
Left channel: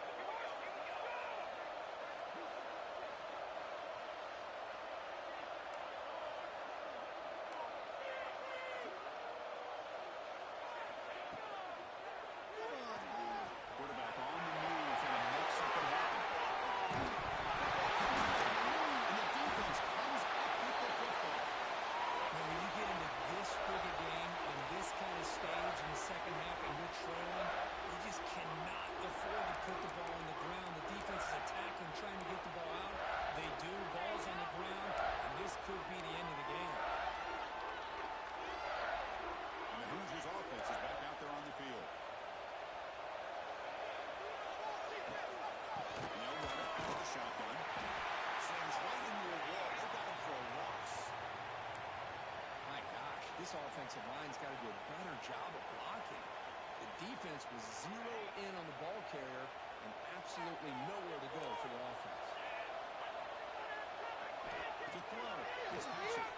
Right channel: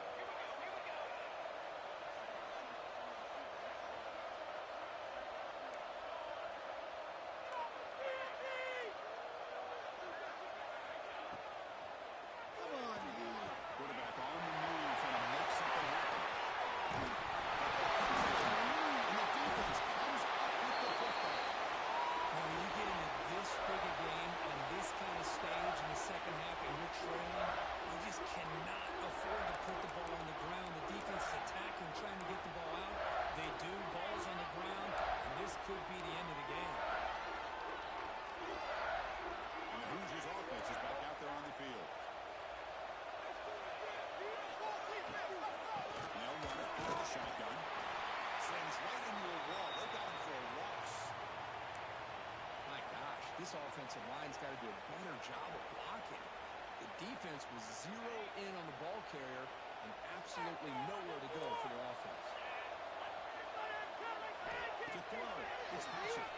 Quarterback on the move, trying to make something happen. And the defense comes up with the football. Now, when you get into this big a game on this kind of stage in the second half and you're trailing, you just cannot afford to put the ball on the ground. The defense is attacking, trying to get the ball out. They do. Ball's on the ground, and this could be the end of the game. And the Hoosiers offense is back out there on the field. Runner with the shotgun. Slams right into a wall. They got him for a loss. My gosh, this offensive line's got to do a better job of blocking. The defense was zero in on the ball carrier and absolutely nowhere to go for the offense. To throw. It's Bishop.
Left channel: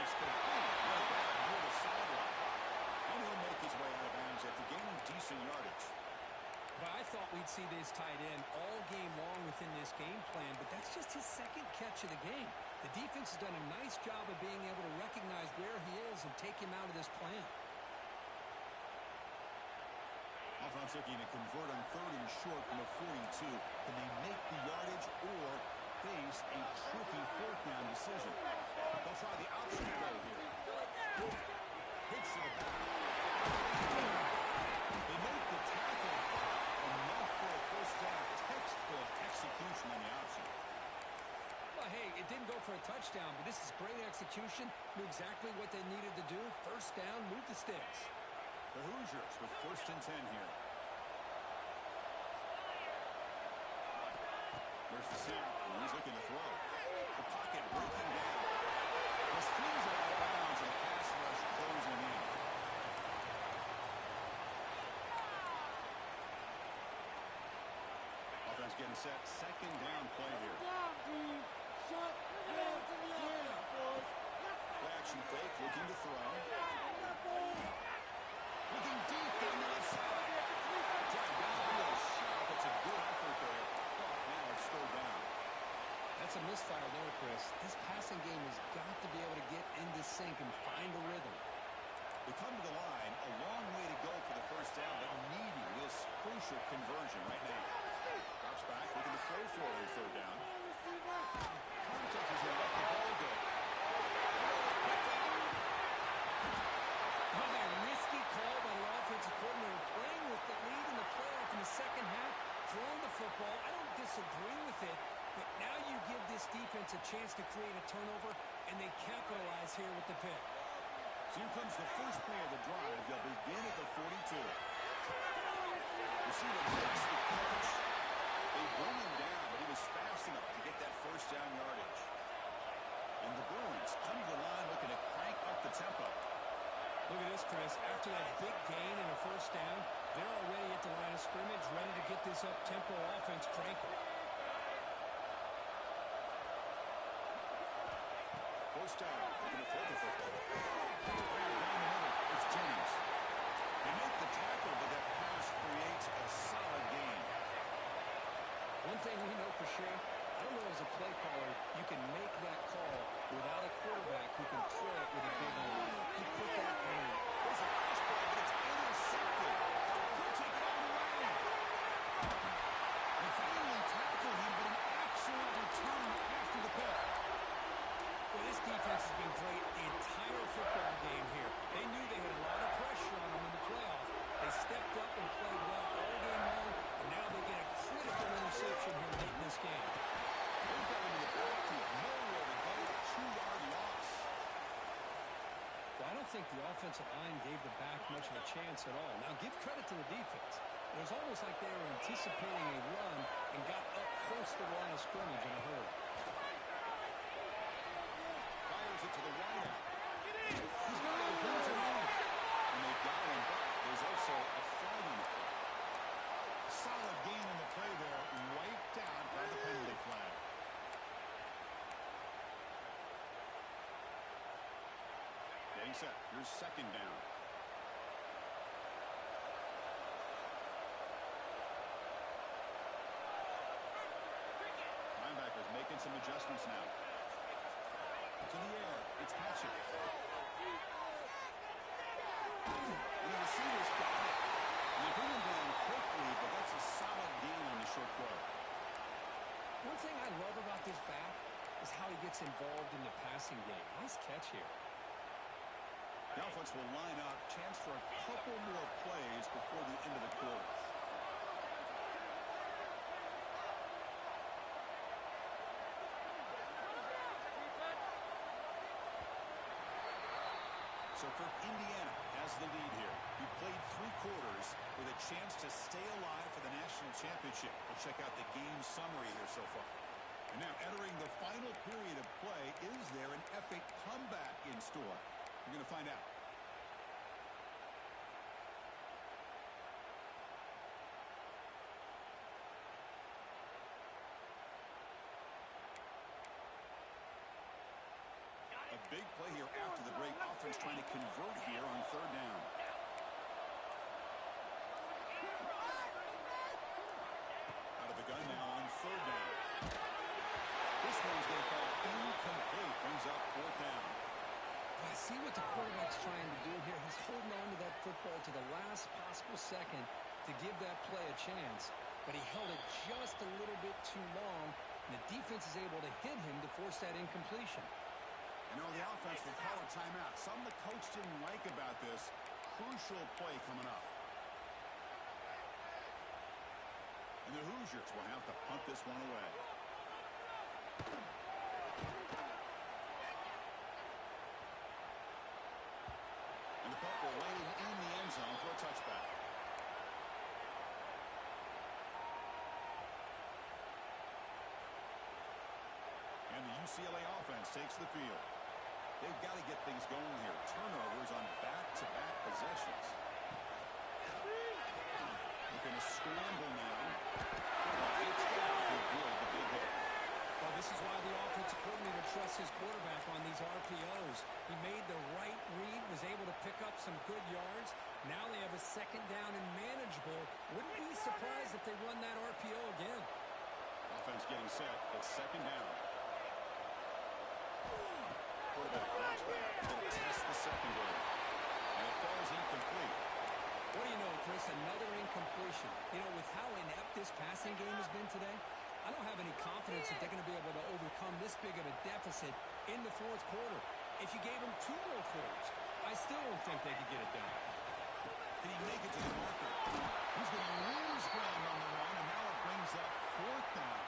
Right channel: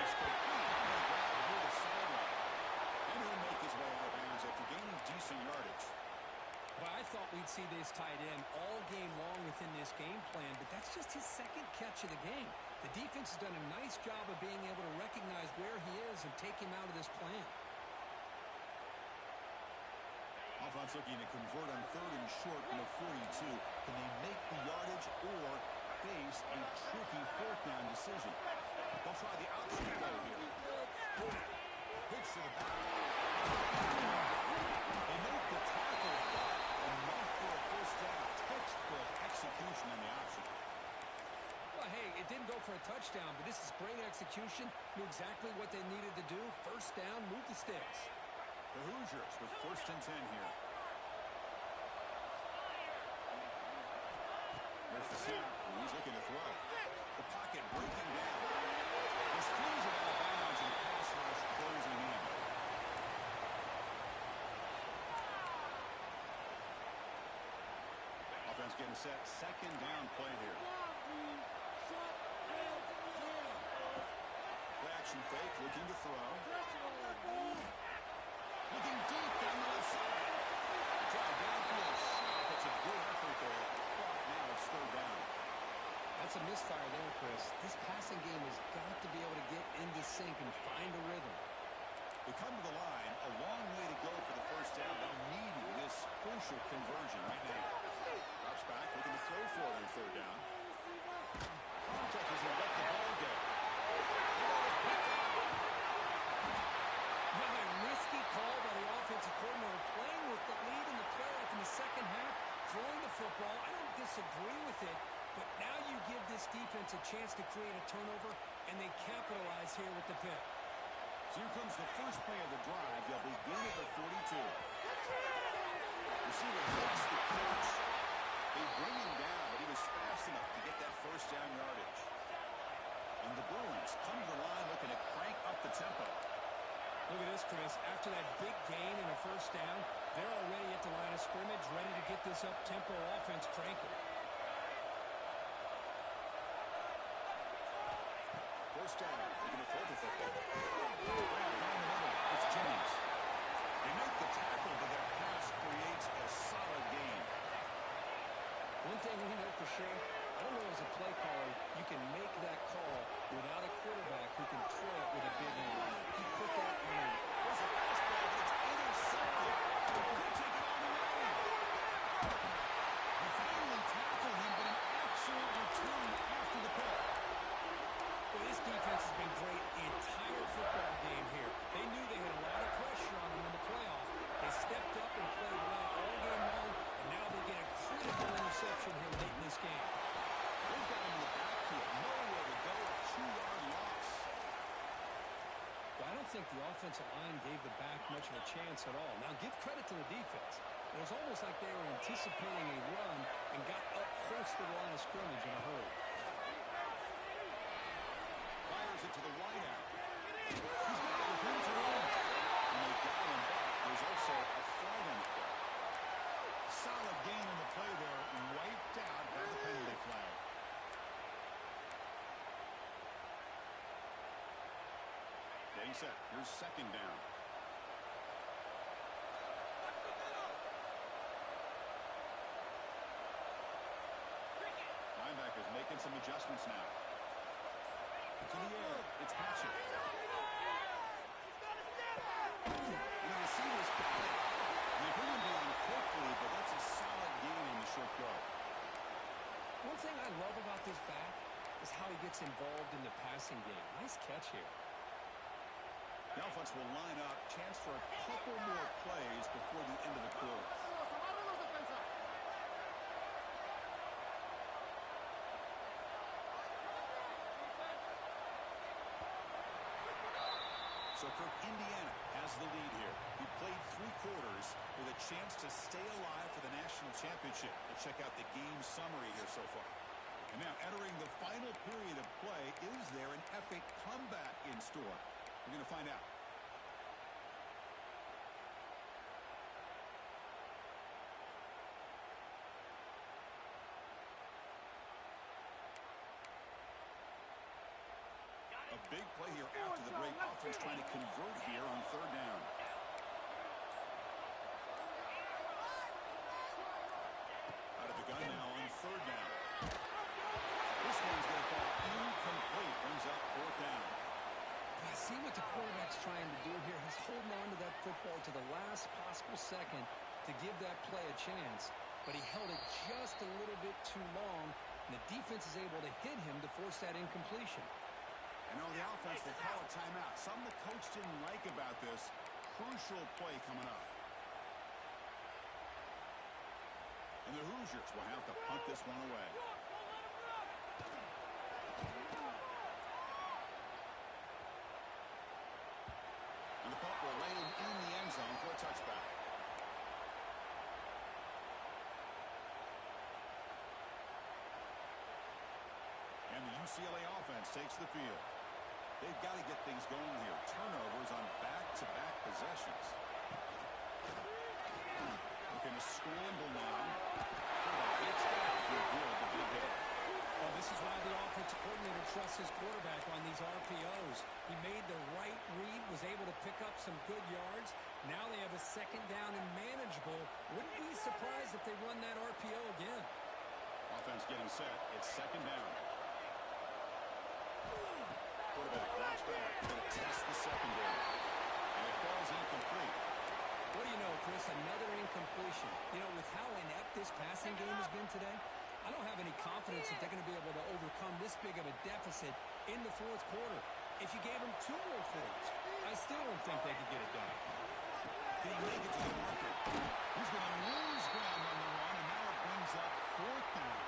It's complete. What a grab near the sideline. And he'll make his way out of bounds after gaining decent yardage. But I thought we'd see this tight end all game long within this game plan, but that's just his second catch of the game. The defense has done a nice job of being able to recognize where he is and take him out of this plan. offense looking to convert on 3rd and short from the 42. Can they make the yardage or face a tricky 4th down decision? They'll try the option play here. Pitch to the back. They make the tackle, but enough for a 1st down. Textbook execution on the option. Well, hey, it didn't go for a touchdown, but this is great execution. Knew exactly what they needed to do. 1st down, move the sticks. The Hoosiers with 1st and 10 here. There's the snap. He's looking to throw. The pocket breaking down. This flings it out of bounds, and the pass rush closing in. Offense getting set. 2nd down play here. Play action fake, looking to throw. Looking deep down the left side. Drive downfield shot. That's a good effort there. But now it's 3rd down. That's a misfire there, Chris. This passing game has got to be able to get into sync and find a rhythm. They come to the line. A long way to go for the 1st down, but needing this crucial conversion right now. Drops back, looking to throw for their 3rd down. Contact as he let the ball go. Well, a risky call by the offensive coordinator, playing with the lead in the playoff in the 2nd half, throwing the football. I don't disagree with it, but now you give this defense a chance to create a turnover, and they capitalize here with the pick. So here comes the first play of the drive. They'll begin at the 42. Receiver makes the catch. They bring him down, but he was fast enough to get that 1st down yardage. And the Bruins come to the line looking to crank up the tempo. Look at this, Chris. After that big gain and a 1st down, they're already at the line of scrimmage, ready to get this up-tempo offense cranking. 1st down. They're going to throw the football. Right down the middle. It's Jennings. They make the tackle, but that pass creates a solid gain. One thing we know for sure, I don't know as a play caller, you can make that call without a quarterback who can throw it with a big arm. He put that on. There's a fastball, but it's intercepted. Could take it all the way. They finally tackle him, but an excellent return after the pick. Well, this defense has been great the entire football game here. They knew they had a lot of pressure on them in the playoff. They stepped up and played well all game long, and now they get a critical interception here late in this game. They've got him in the backfield. Nowhere to go. A 2-yard loss. Well, I don't think the offensive line gave the back much of a chance at all. Now, give credit to the defense. It was almost like they were anticipating a run and got up close to the line of scrimmage in a hurry. Fires it to the wide out. He's got it within his own. And they got him, but there's also a flag on the play. Solid gain in the play there, wiped out by the penalty flag. Getting set. Here's 2nd down. Linebackers making some adjustments now. To the air. It's Hatchett. And the receivers got it. And they bring him down quickly, but that's a solid gain on the short throw. One thing I love about this back is how he gets involved in the passing game. Nice catch here. The offense will line up. Chance for a couple more plays before the end of the quarter. So Kirk, Indiana has the lead here. He played 3 quarters with a chance to stay alive for the national championship. We'll check out the game summary here so far. And now entering the final period of play, is there an epic comeback in store? We're going to find out. A big play here after the break. Offense trying to convert here on 3rd down. Out of the gun now on 3rd down. This one's going to fall incomplete. Brings up 4th down. I see what the quarterback's trying to do here. He's holding on to that football to the last possible second, to give that play a chance, but he held it just a little bit too long, and the defense is able to hit him to force that incompletion. And the offense will call a timeout. Something the coach didn't like about this. Crucial play coming up. And the Hoosiers will have to punt this one away. And the punt will land in the end zone for a touchback. And the UCLA offense takes the field. They've got to get things going here. Turnovers on back-to-back possessions. Looking to scramble now. It's down to avoid the big hit. Well, this is why the offensive coordinator trusts his quarterback on these RPOs. He made the right read, was able to pick up some good yards. Now they have a second down and manageable. Wouldn't be surprised if they run that RPO again. Offense getting set. It's second down. Quarterback drops back. Going to test the secondary. And it falls incomplete. What do you know, Chris? Another incompletion. You know, with how inept this passing game has been today, I don't have any confidence that they're going to be able to overcome this big of a deficit in the fourth quarter. If you gave them 2 more quarters, I still don't think they could get it done. Can he make it to the marker? He's going to lose ground on the run, and now it brings up fourth down.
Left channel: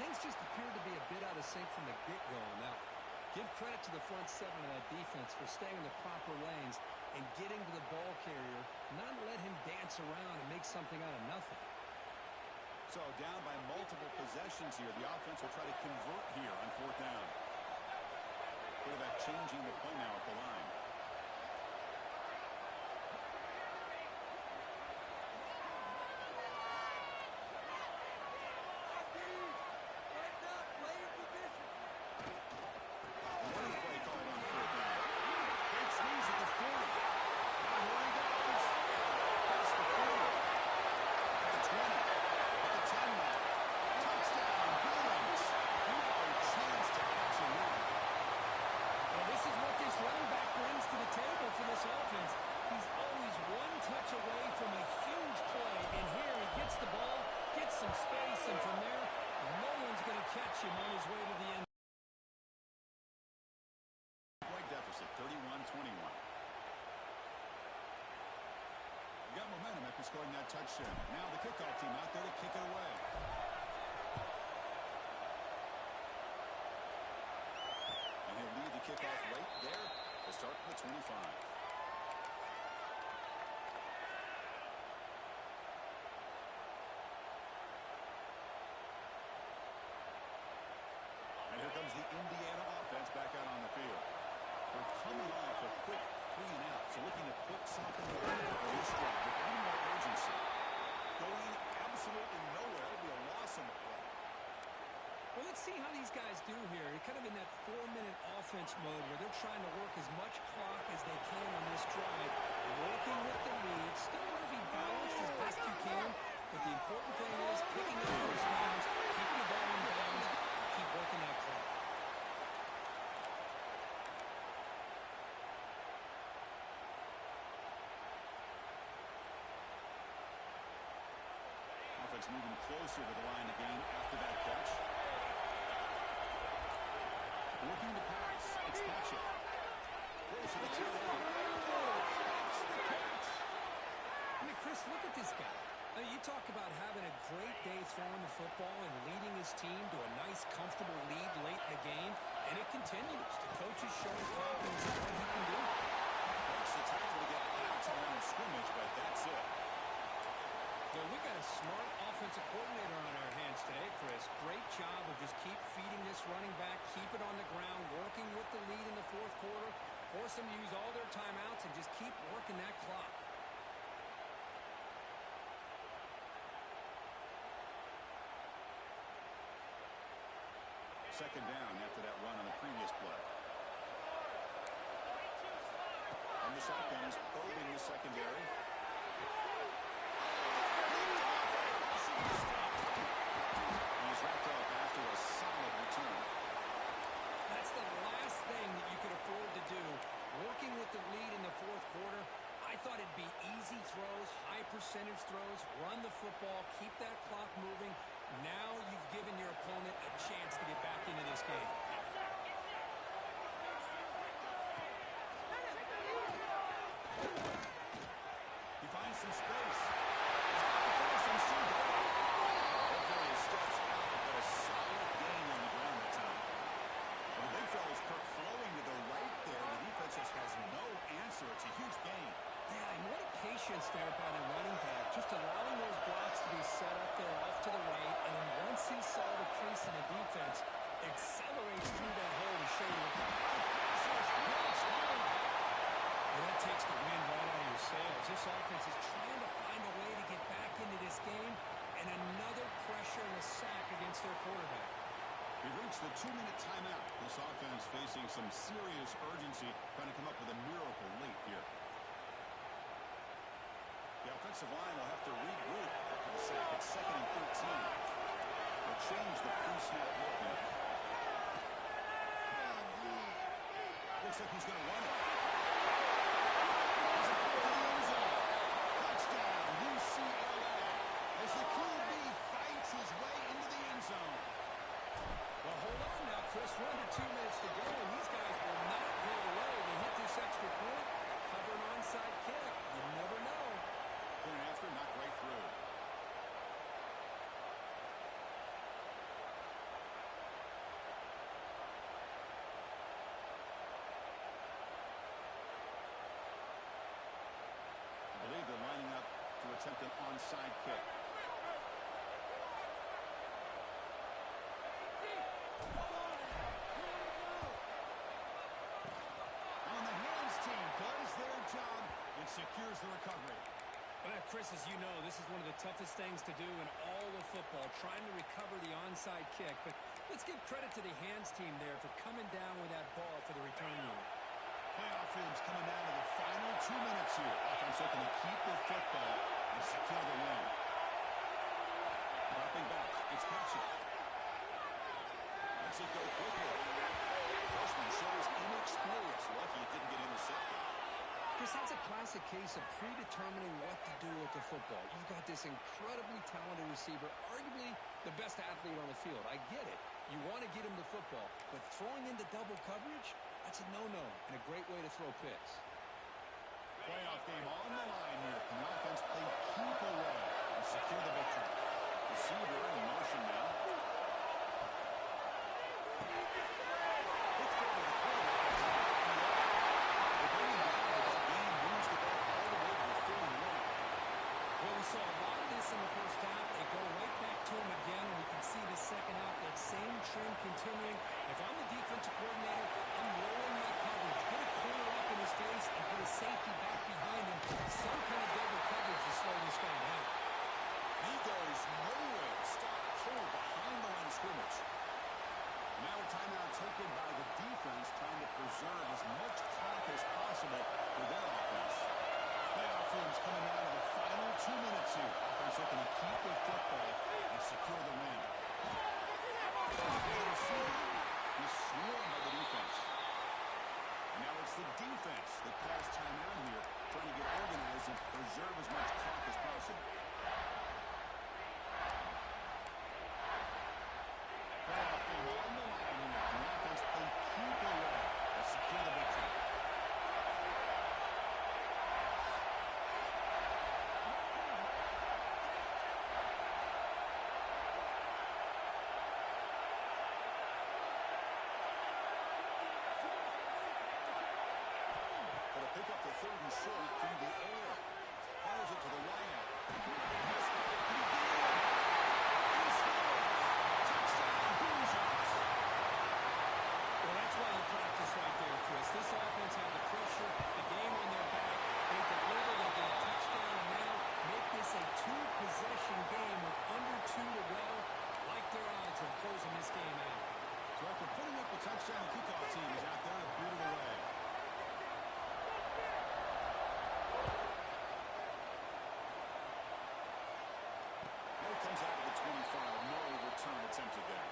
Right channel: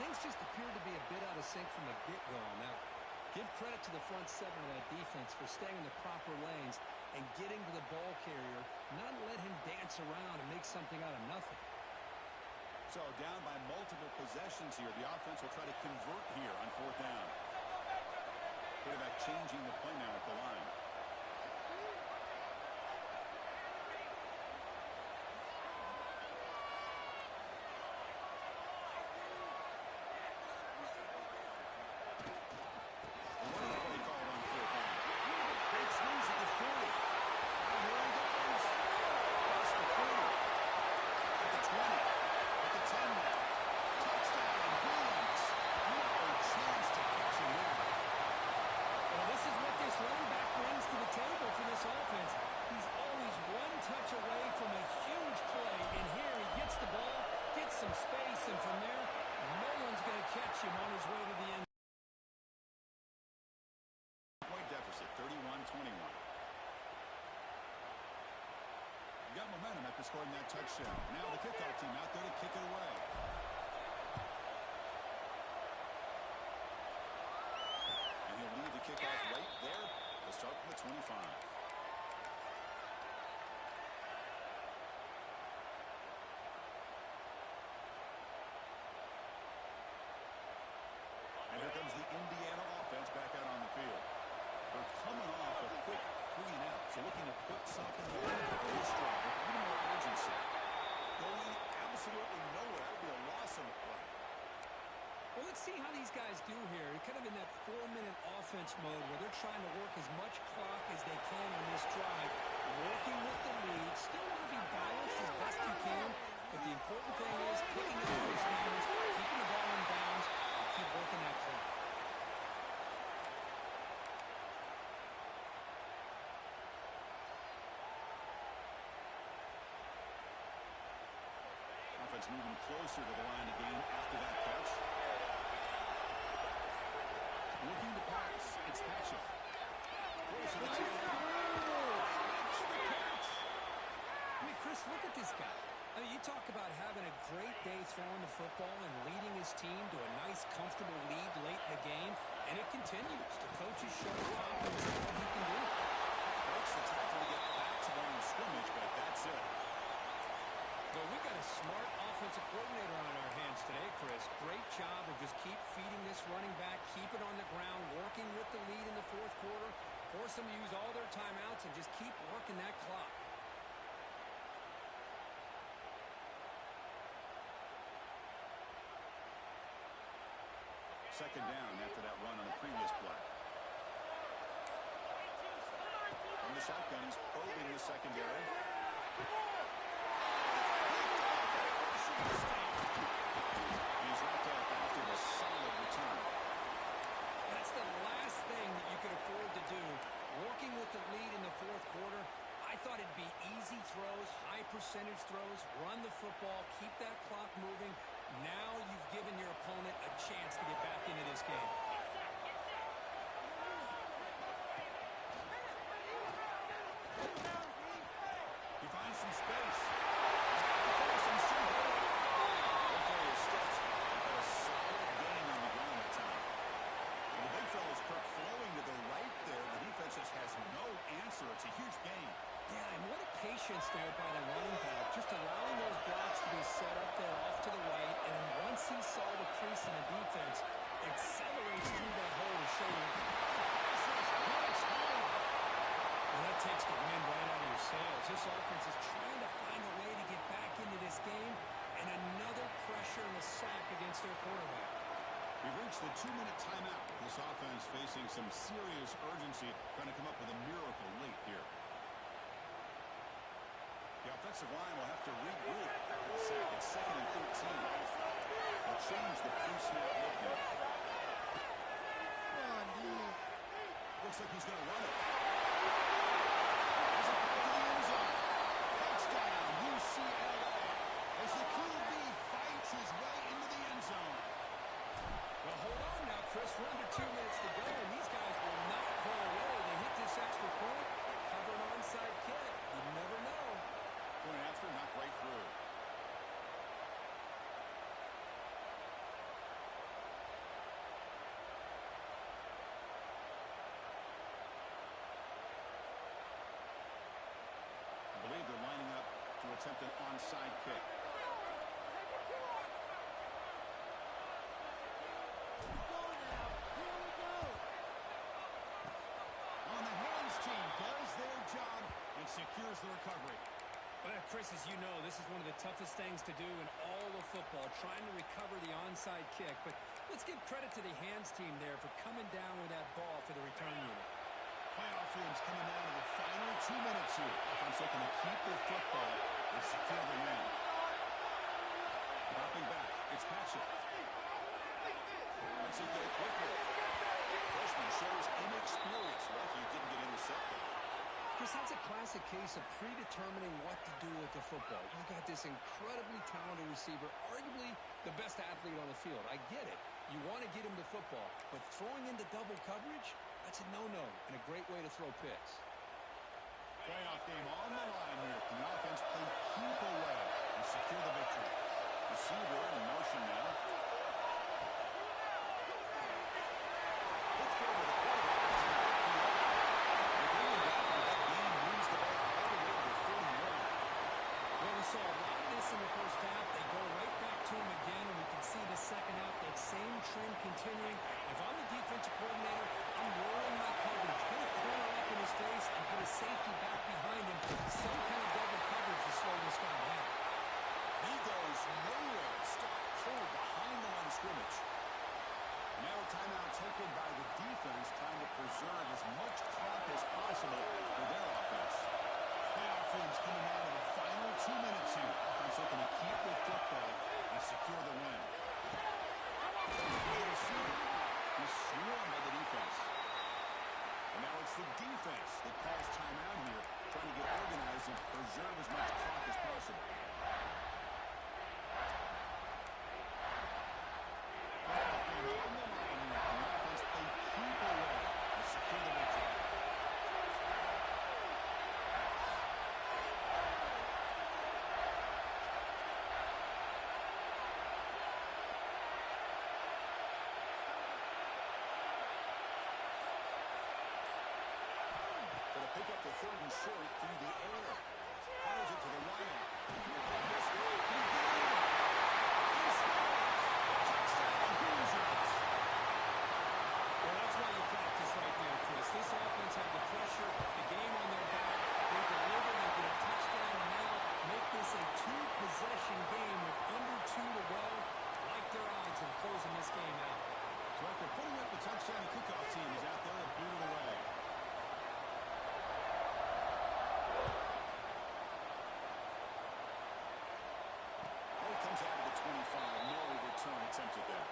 Things just appeared to be a bit out of sync from the get-go on that one. Give credit to the front 7 of that defense for staying in the proper lanes and getting to the ball carrier, not let him dance around and make something out of nothing. So down by multiple possessions here. The offense will try to convert here on fourth down. Quarterback changing the play now at the line. And from there, no one's going to catch him on his way to the end. Point deficit, 31-21. You got momentum after scoring that touchdown. Now the kickoff team out there to kick it away. And he'll lead the kickoff right there to start from the 25. Here comes the Indiana offense back out on the field. They're coming off a quick 3 and out, so looking to put something together for this drive with a little more urgency. Going absolutely nowhere. It'll be a loss on the play. Well, let's see how these guys do here. They're kind of in that 4-minute offense mode where they're trying to work as much clock as they can on this drive, working with the lead. Still want to be balanced as best you can, but the important thing is picking up first downs, keeping the ball in bounds, keep working that clock. Offense moving closer to the line of game after that catch. Looking to pass. It's Patrick. Close to the tail end. That's the catch. I mean, Chris, look at this guy. I mean, you talk about having a great day throwing the football and leading his team to a nice, comfortable lead late in the game, and it continues. The coach is showing confidence in what he can do. Breaks the tackle to get back to the line of scrimmage, but that's it. Well, we got a smart offensive coordinator on our hands today, Chris. Great job of just keep feeding this running back, keep it on the ground, working with the lead in the fourth quarter, force them to use all their timeouts, and just keep working that clock. Second down after that run on the previous play. From the shotgun, he's probing the secondary. And he's wrapped up after a solid return. That's the last thing that you could afford to do. Working with the lead in the fourth quarter, I thought it'd be easy throws, high high-percentage throws, run the football, keep that clock moving. Now you've given your opponent a chance to get back into this game. He finds some space. He's got to finish him soon. Hopefully he steps out, but a solid gain on the ground that time. Well, the big fella's Kirk flowing to the right there. The defense just has no answer. It's a huge gain. Yeah, and what a patience there by the running back, just allowing those blocks to be set up there off to the right, and then once he saw the crease in the defense, accelerates through that hole to show you. Well, that takes the wind right out of your sails. This offense is trying to find a way to get back into this game, and another pressure and a sack against their quarterback. We've reached the 2-minute timeout. This offense facing some serious urgency, trying to come up with a miracle late here. The offensive line will have to regroup after the sack. It's 2nd and 13. They'll change the pre-snap look now. Looks like he's going to run it. He's about to the end zone. Touchdown, UCLA. As the QB fights his way into the end zone. Well, hold on now, Chris. We're under 2 minutes to go, and these guys will not go away. They hit this extra point, cover an onside kick. You never know. Point after, knocked right through. I believe they're lining up to attempt an onside kick. On the hands team does their job and secures the recovery. Well, Chris, as you know, this is one of the toughest things to do in all of football, trying to recover the onside kick. But let's give credit to the hands team there for coming down with that ball for the return unit. Playoff teams coming down to the final 2 minutes here. Offense looking to keep the football and secure the win. Dropping back, it's Patrick. Lets it go quickly. Freshman shows inexperience. Lucky he didn't get intercepted. Chris, that's a classic case of predetermining what to do with the football. You've got this incredibly talented receiver, arguably the best athlete on the field. I get it. You want to get him the football, but throwing into double coverage, that's a no-no and a great way to throw picks. Playoff game on the line here. Can the offense play keep away and secure the victory? Receiver in motion now. Let's go to the quarterback. They bring him down, but that game moves the ball all the way to the 31. Well, we saw a lot of this in the first half. They go right back to him again, and we can see the second half, that same trend continuing. If I'm the defensive coordinator, I'm rolling my coverage. Get a corner up in his face and put a safety back behind him. Some kind of double coverage to slow this guy down. He goes nowhere. Stop cold behind the line of scrimmage. Now a timeout taken by the defense, trying to preserve as much clock as possible for their offense. Playoff teams coming down to the final 2 minutes here. Offense looking to keep the football and secure the win. He's swarmed by the defense. And now it's the defense that calls timeout here, trying to get organized and preserve as much clock as possible. Playoff game on the line here. Can the offense play keep away and secure the victory? Gonna pick up the 3rd and short through the air. Fires it to the wideout. Missed right. He did it. He scores. Touchdown, Hoosiers. Well, that's why you practice right there, Chris. This offense had the pressure, the game on their back. They deliver, they get a touchdown, and now make this a 2-possession game with under 2 to go. Like their odds of closing this game out. So after putting up the touchdown, the kickoff team is out there to boot it away. Comes out of the 25. No return attempted there.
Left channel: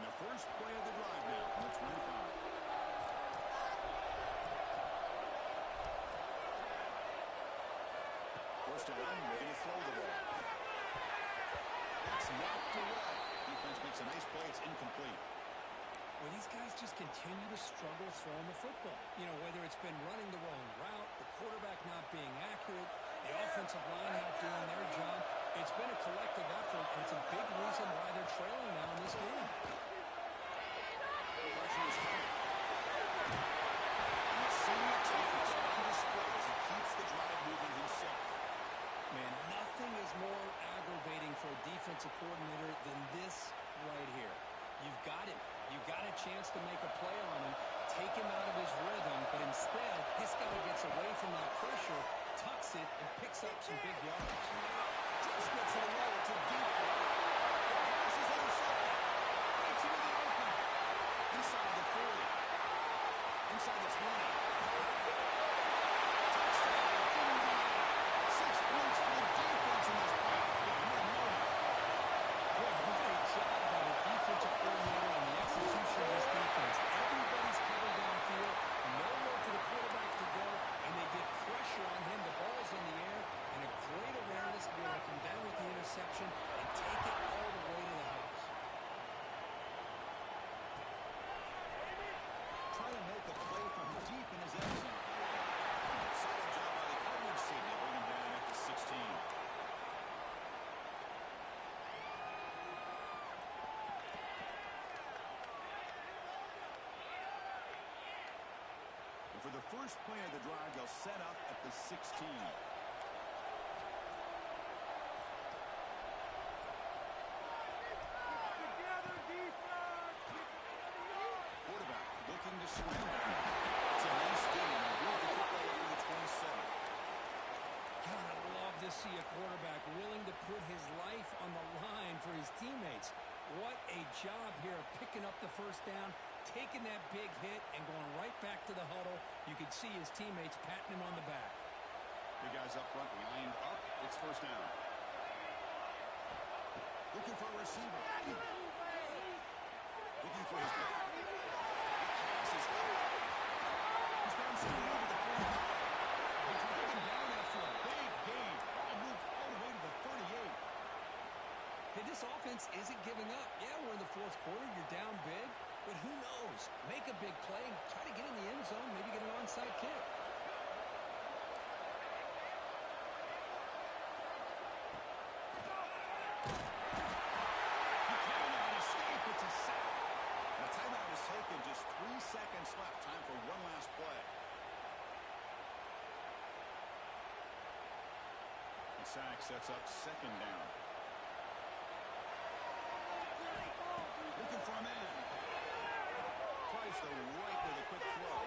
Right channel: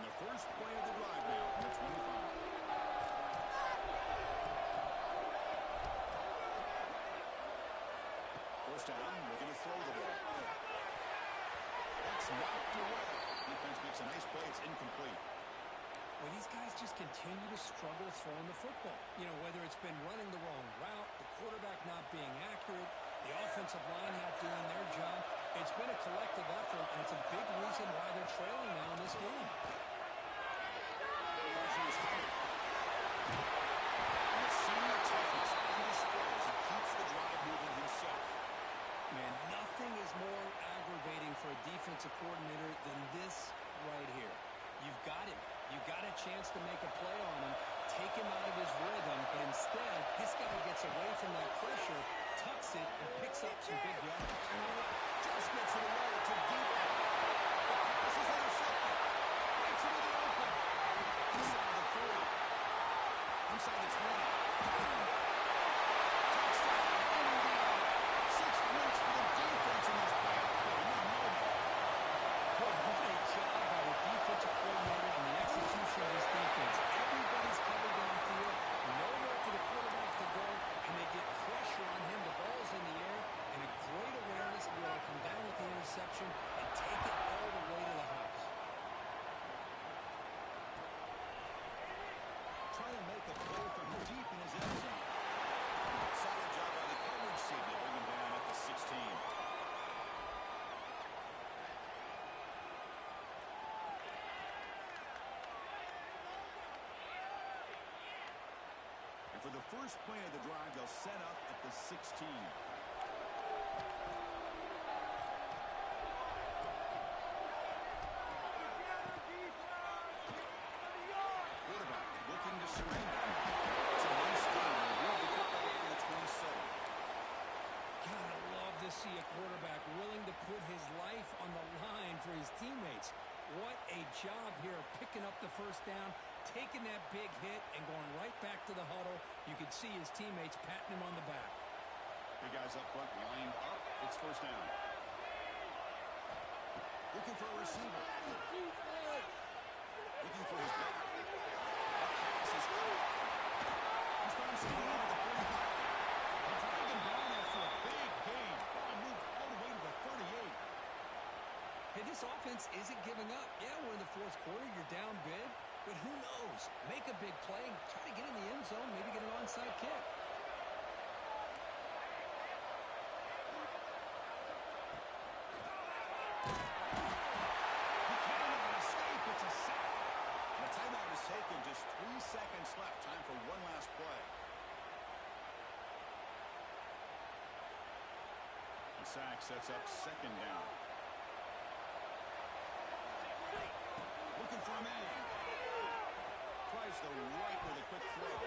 And the first play of the drive now from the 25. First down, looking to throw the ball. That's knocked away. Defense makes a nice play. It's incomplete. Well, these guys just continue to struggle throwing the football. You know, whether it's been running the wrong route, the quarterback not being accurate, the offensive line not doing their job. It's been a collective effort, and it's a big reason why they're trailing now in this game. Pressure is coming. And the senior toughness on display as he keeps the drive moving himself. Man, nothing is more aggravating for a defensive coordinator than this right here. You've got him. You've got a chance to make a play on him, take him out of his rhythm, but instead, this guy gets away from that pressure, tucks it, and picks up some big yards. Just gets it away to deep end. The pass is intercepted. Breaks into the open. Inside the 40. Inside the 20. Touchdown, Indiana. 6 points for the defense in this playoff game. What a moment. Boy, what a job by the defensive coordinator and the execution of this defense. Everybody's covered downfield, nowhere for the quarterback to go, and they get pressure on him. The ball's in the air, and a great awareness to be able to come down with the interception and take it all the way to the house. Trying to make a play from deep in his end zone. Solid job by the coverage team. They bring him down at the 16. And for the first play of the drive, they'll set up at the 16. Quarterback looking to scramble. It's a nice game. They move the football over the 27. God, I love to see a quarterback willing to put his life on the line for his teammates. What a job here of picking up the first down, taking that big hit, and going right back to the huddle. You can see his teammates patting him on the back. Big guys up front lined up. It's first down. Looking for a receiver. Looking for his back. The pass is caught. He's found somebody over the 45. They drag him down after a big gain. Ball moved all the way to the 38. Hey, this offense isn't giving up. Yeah, we're in the fourth quarter. You're down big. But who knows? Make a big play. Try to get in the end zone. Maybe get an onside kick. He cannot escape. It's a sack. And the timeout is taken. Just 3 seconds left. Time for one last play. The sack sets up second down. Looking for a man. Tries the right with a quick throw.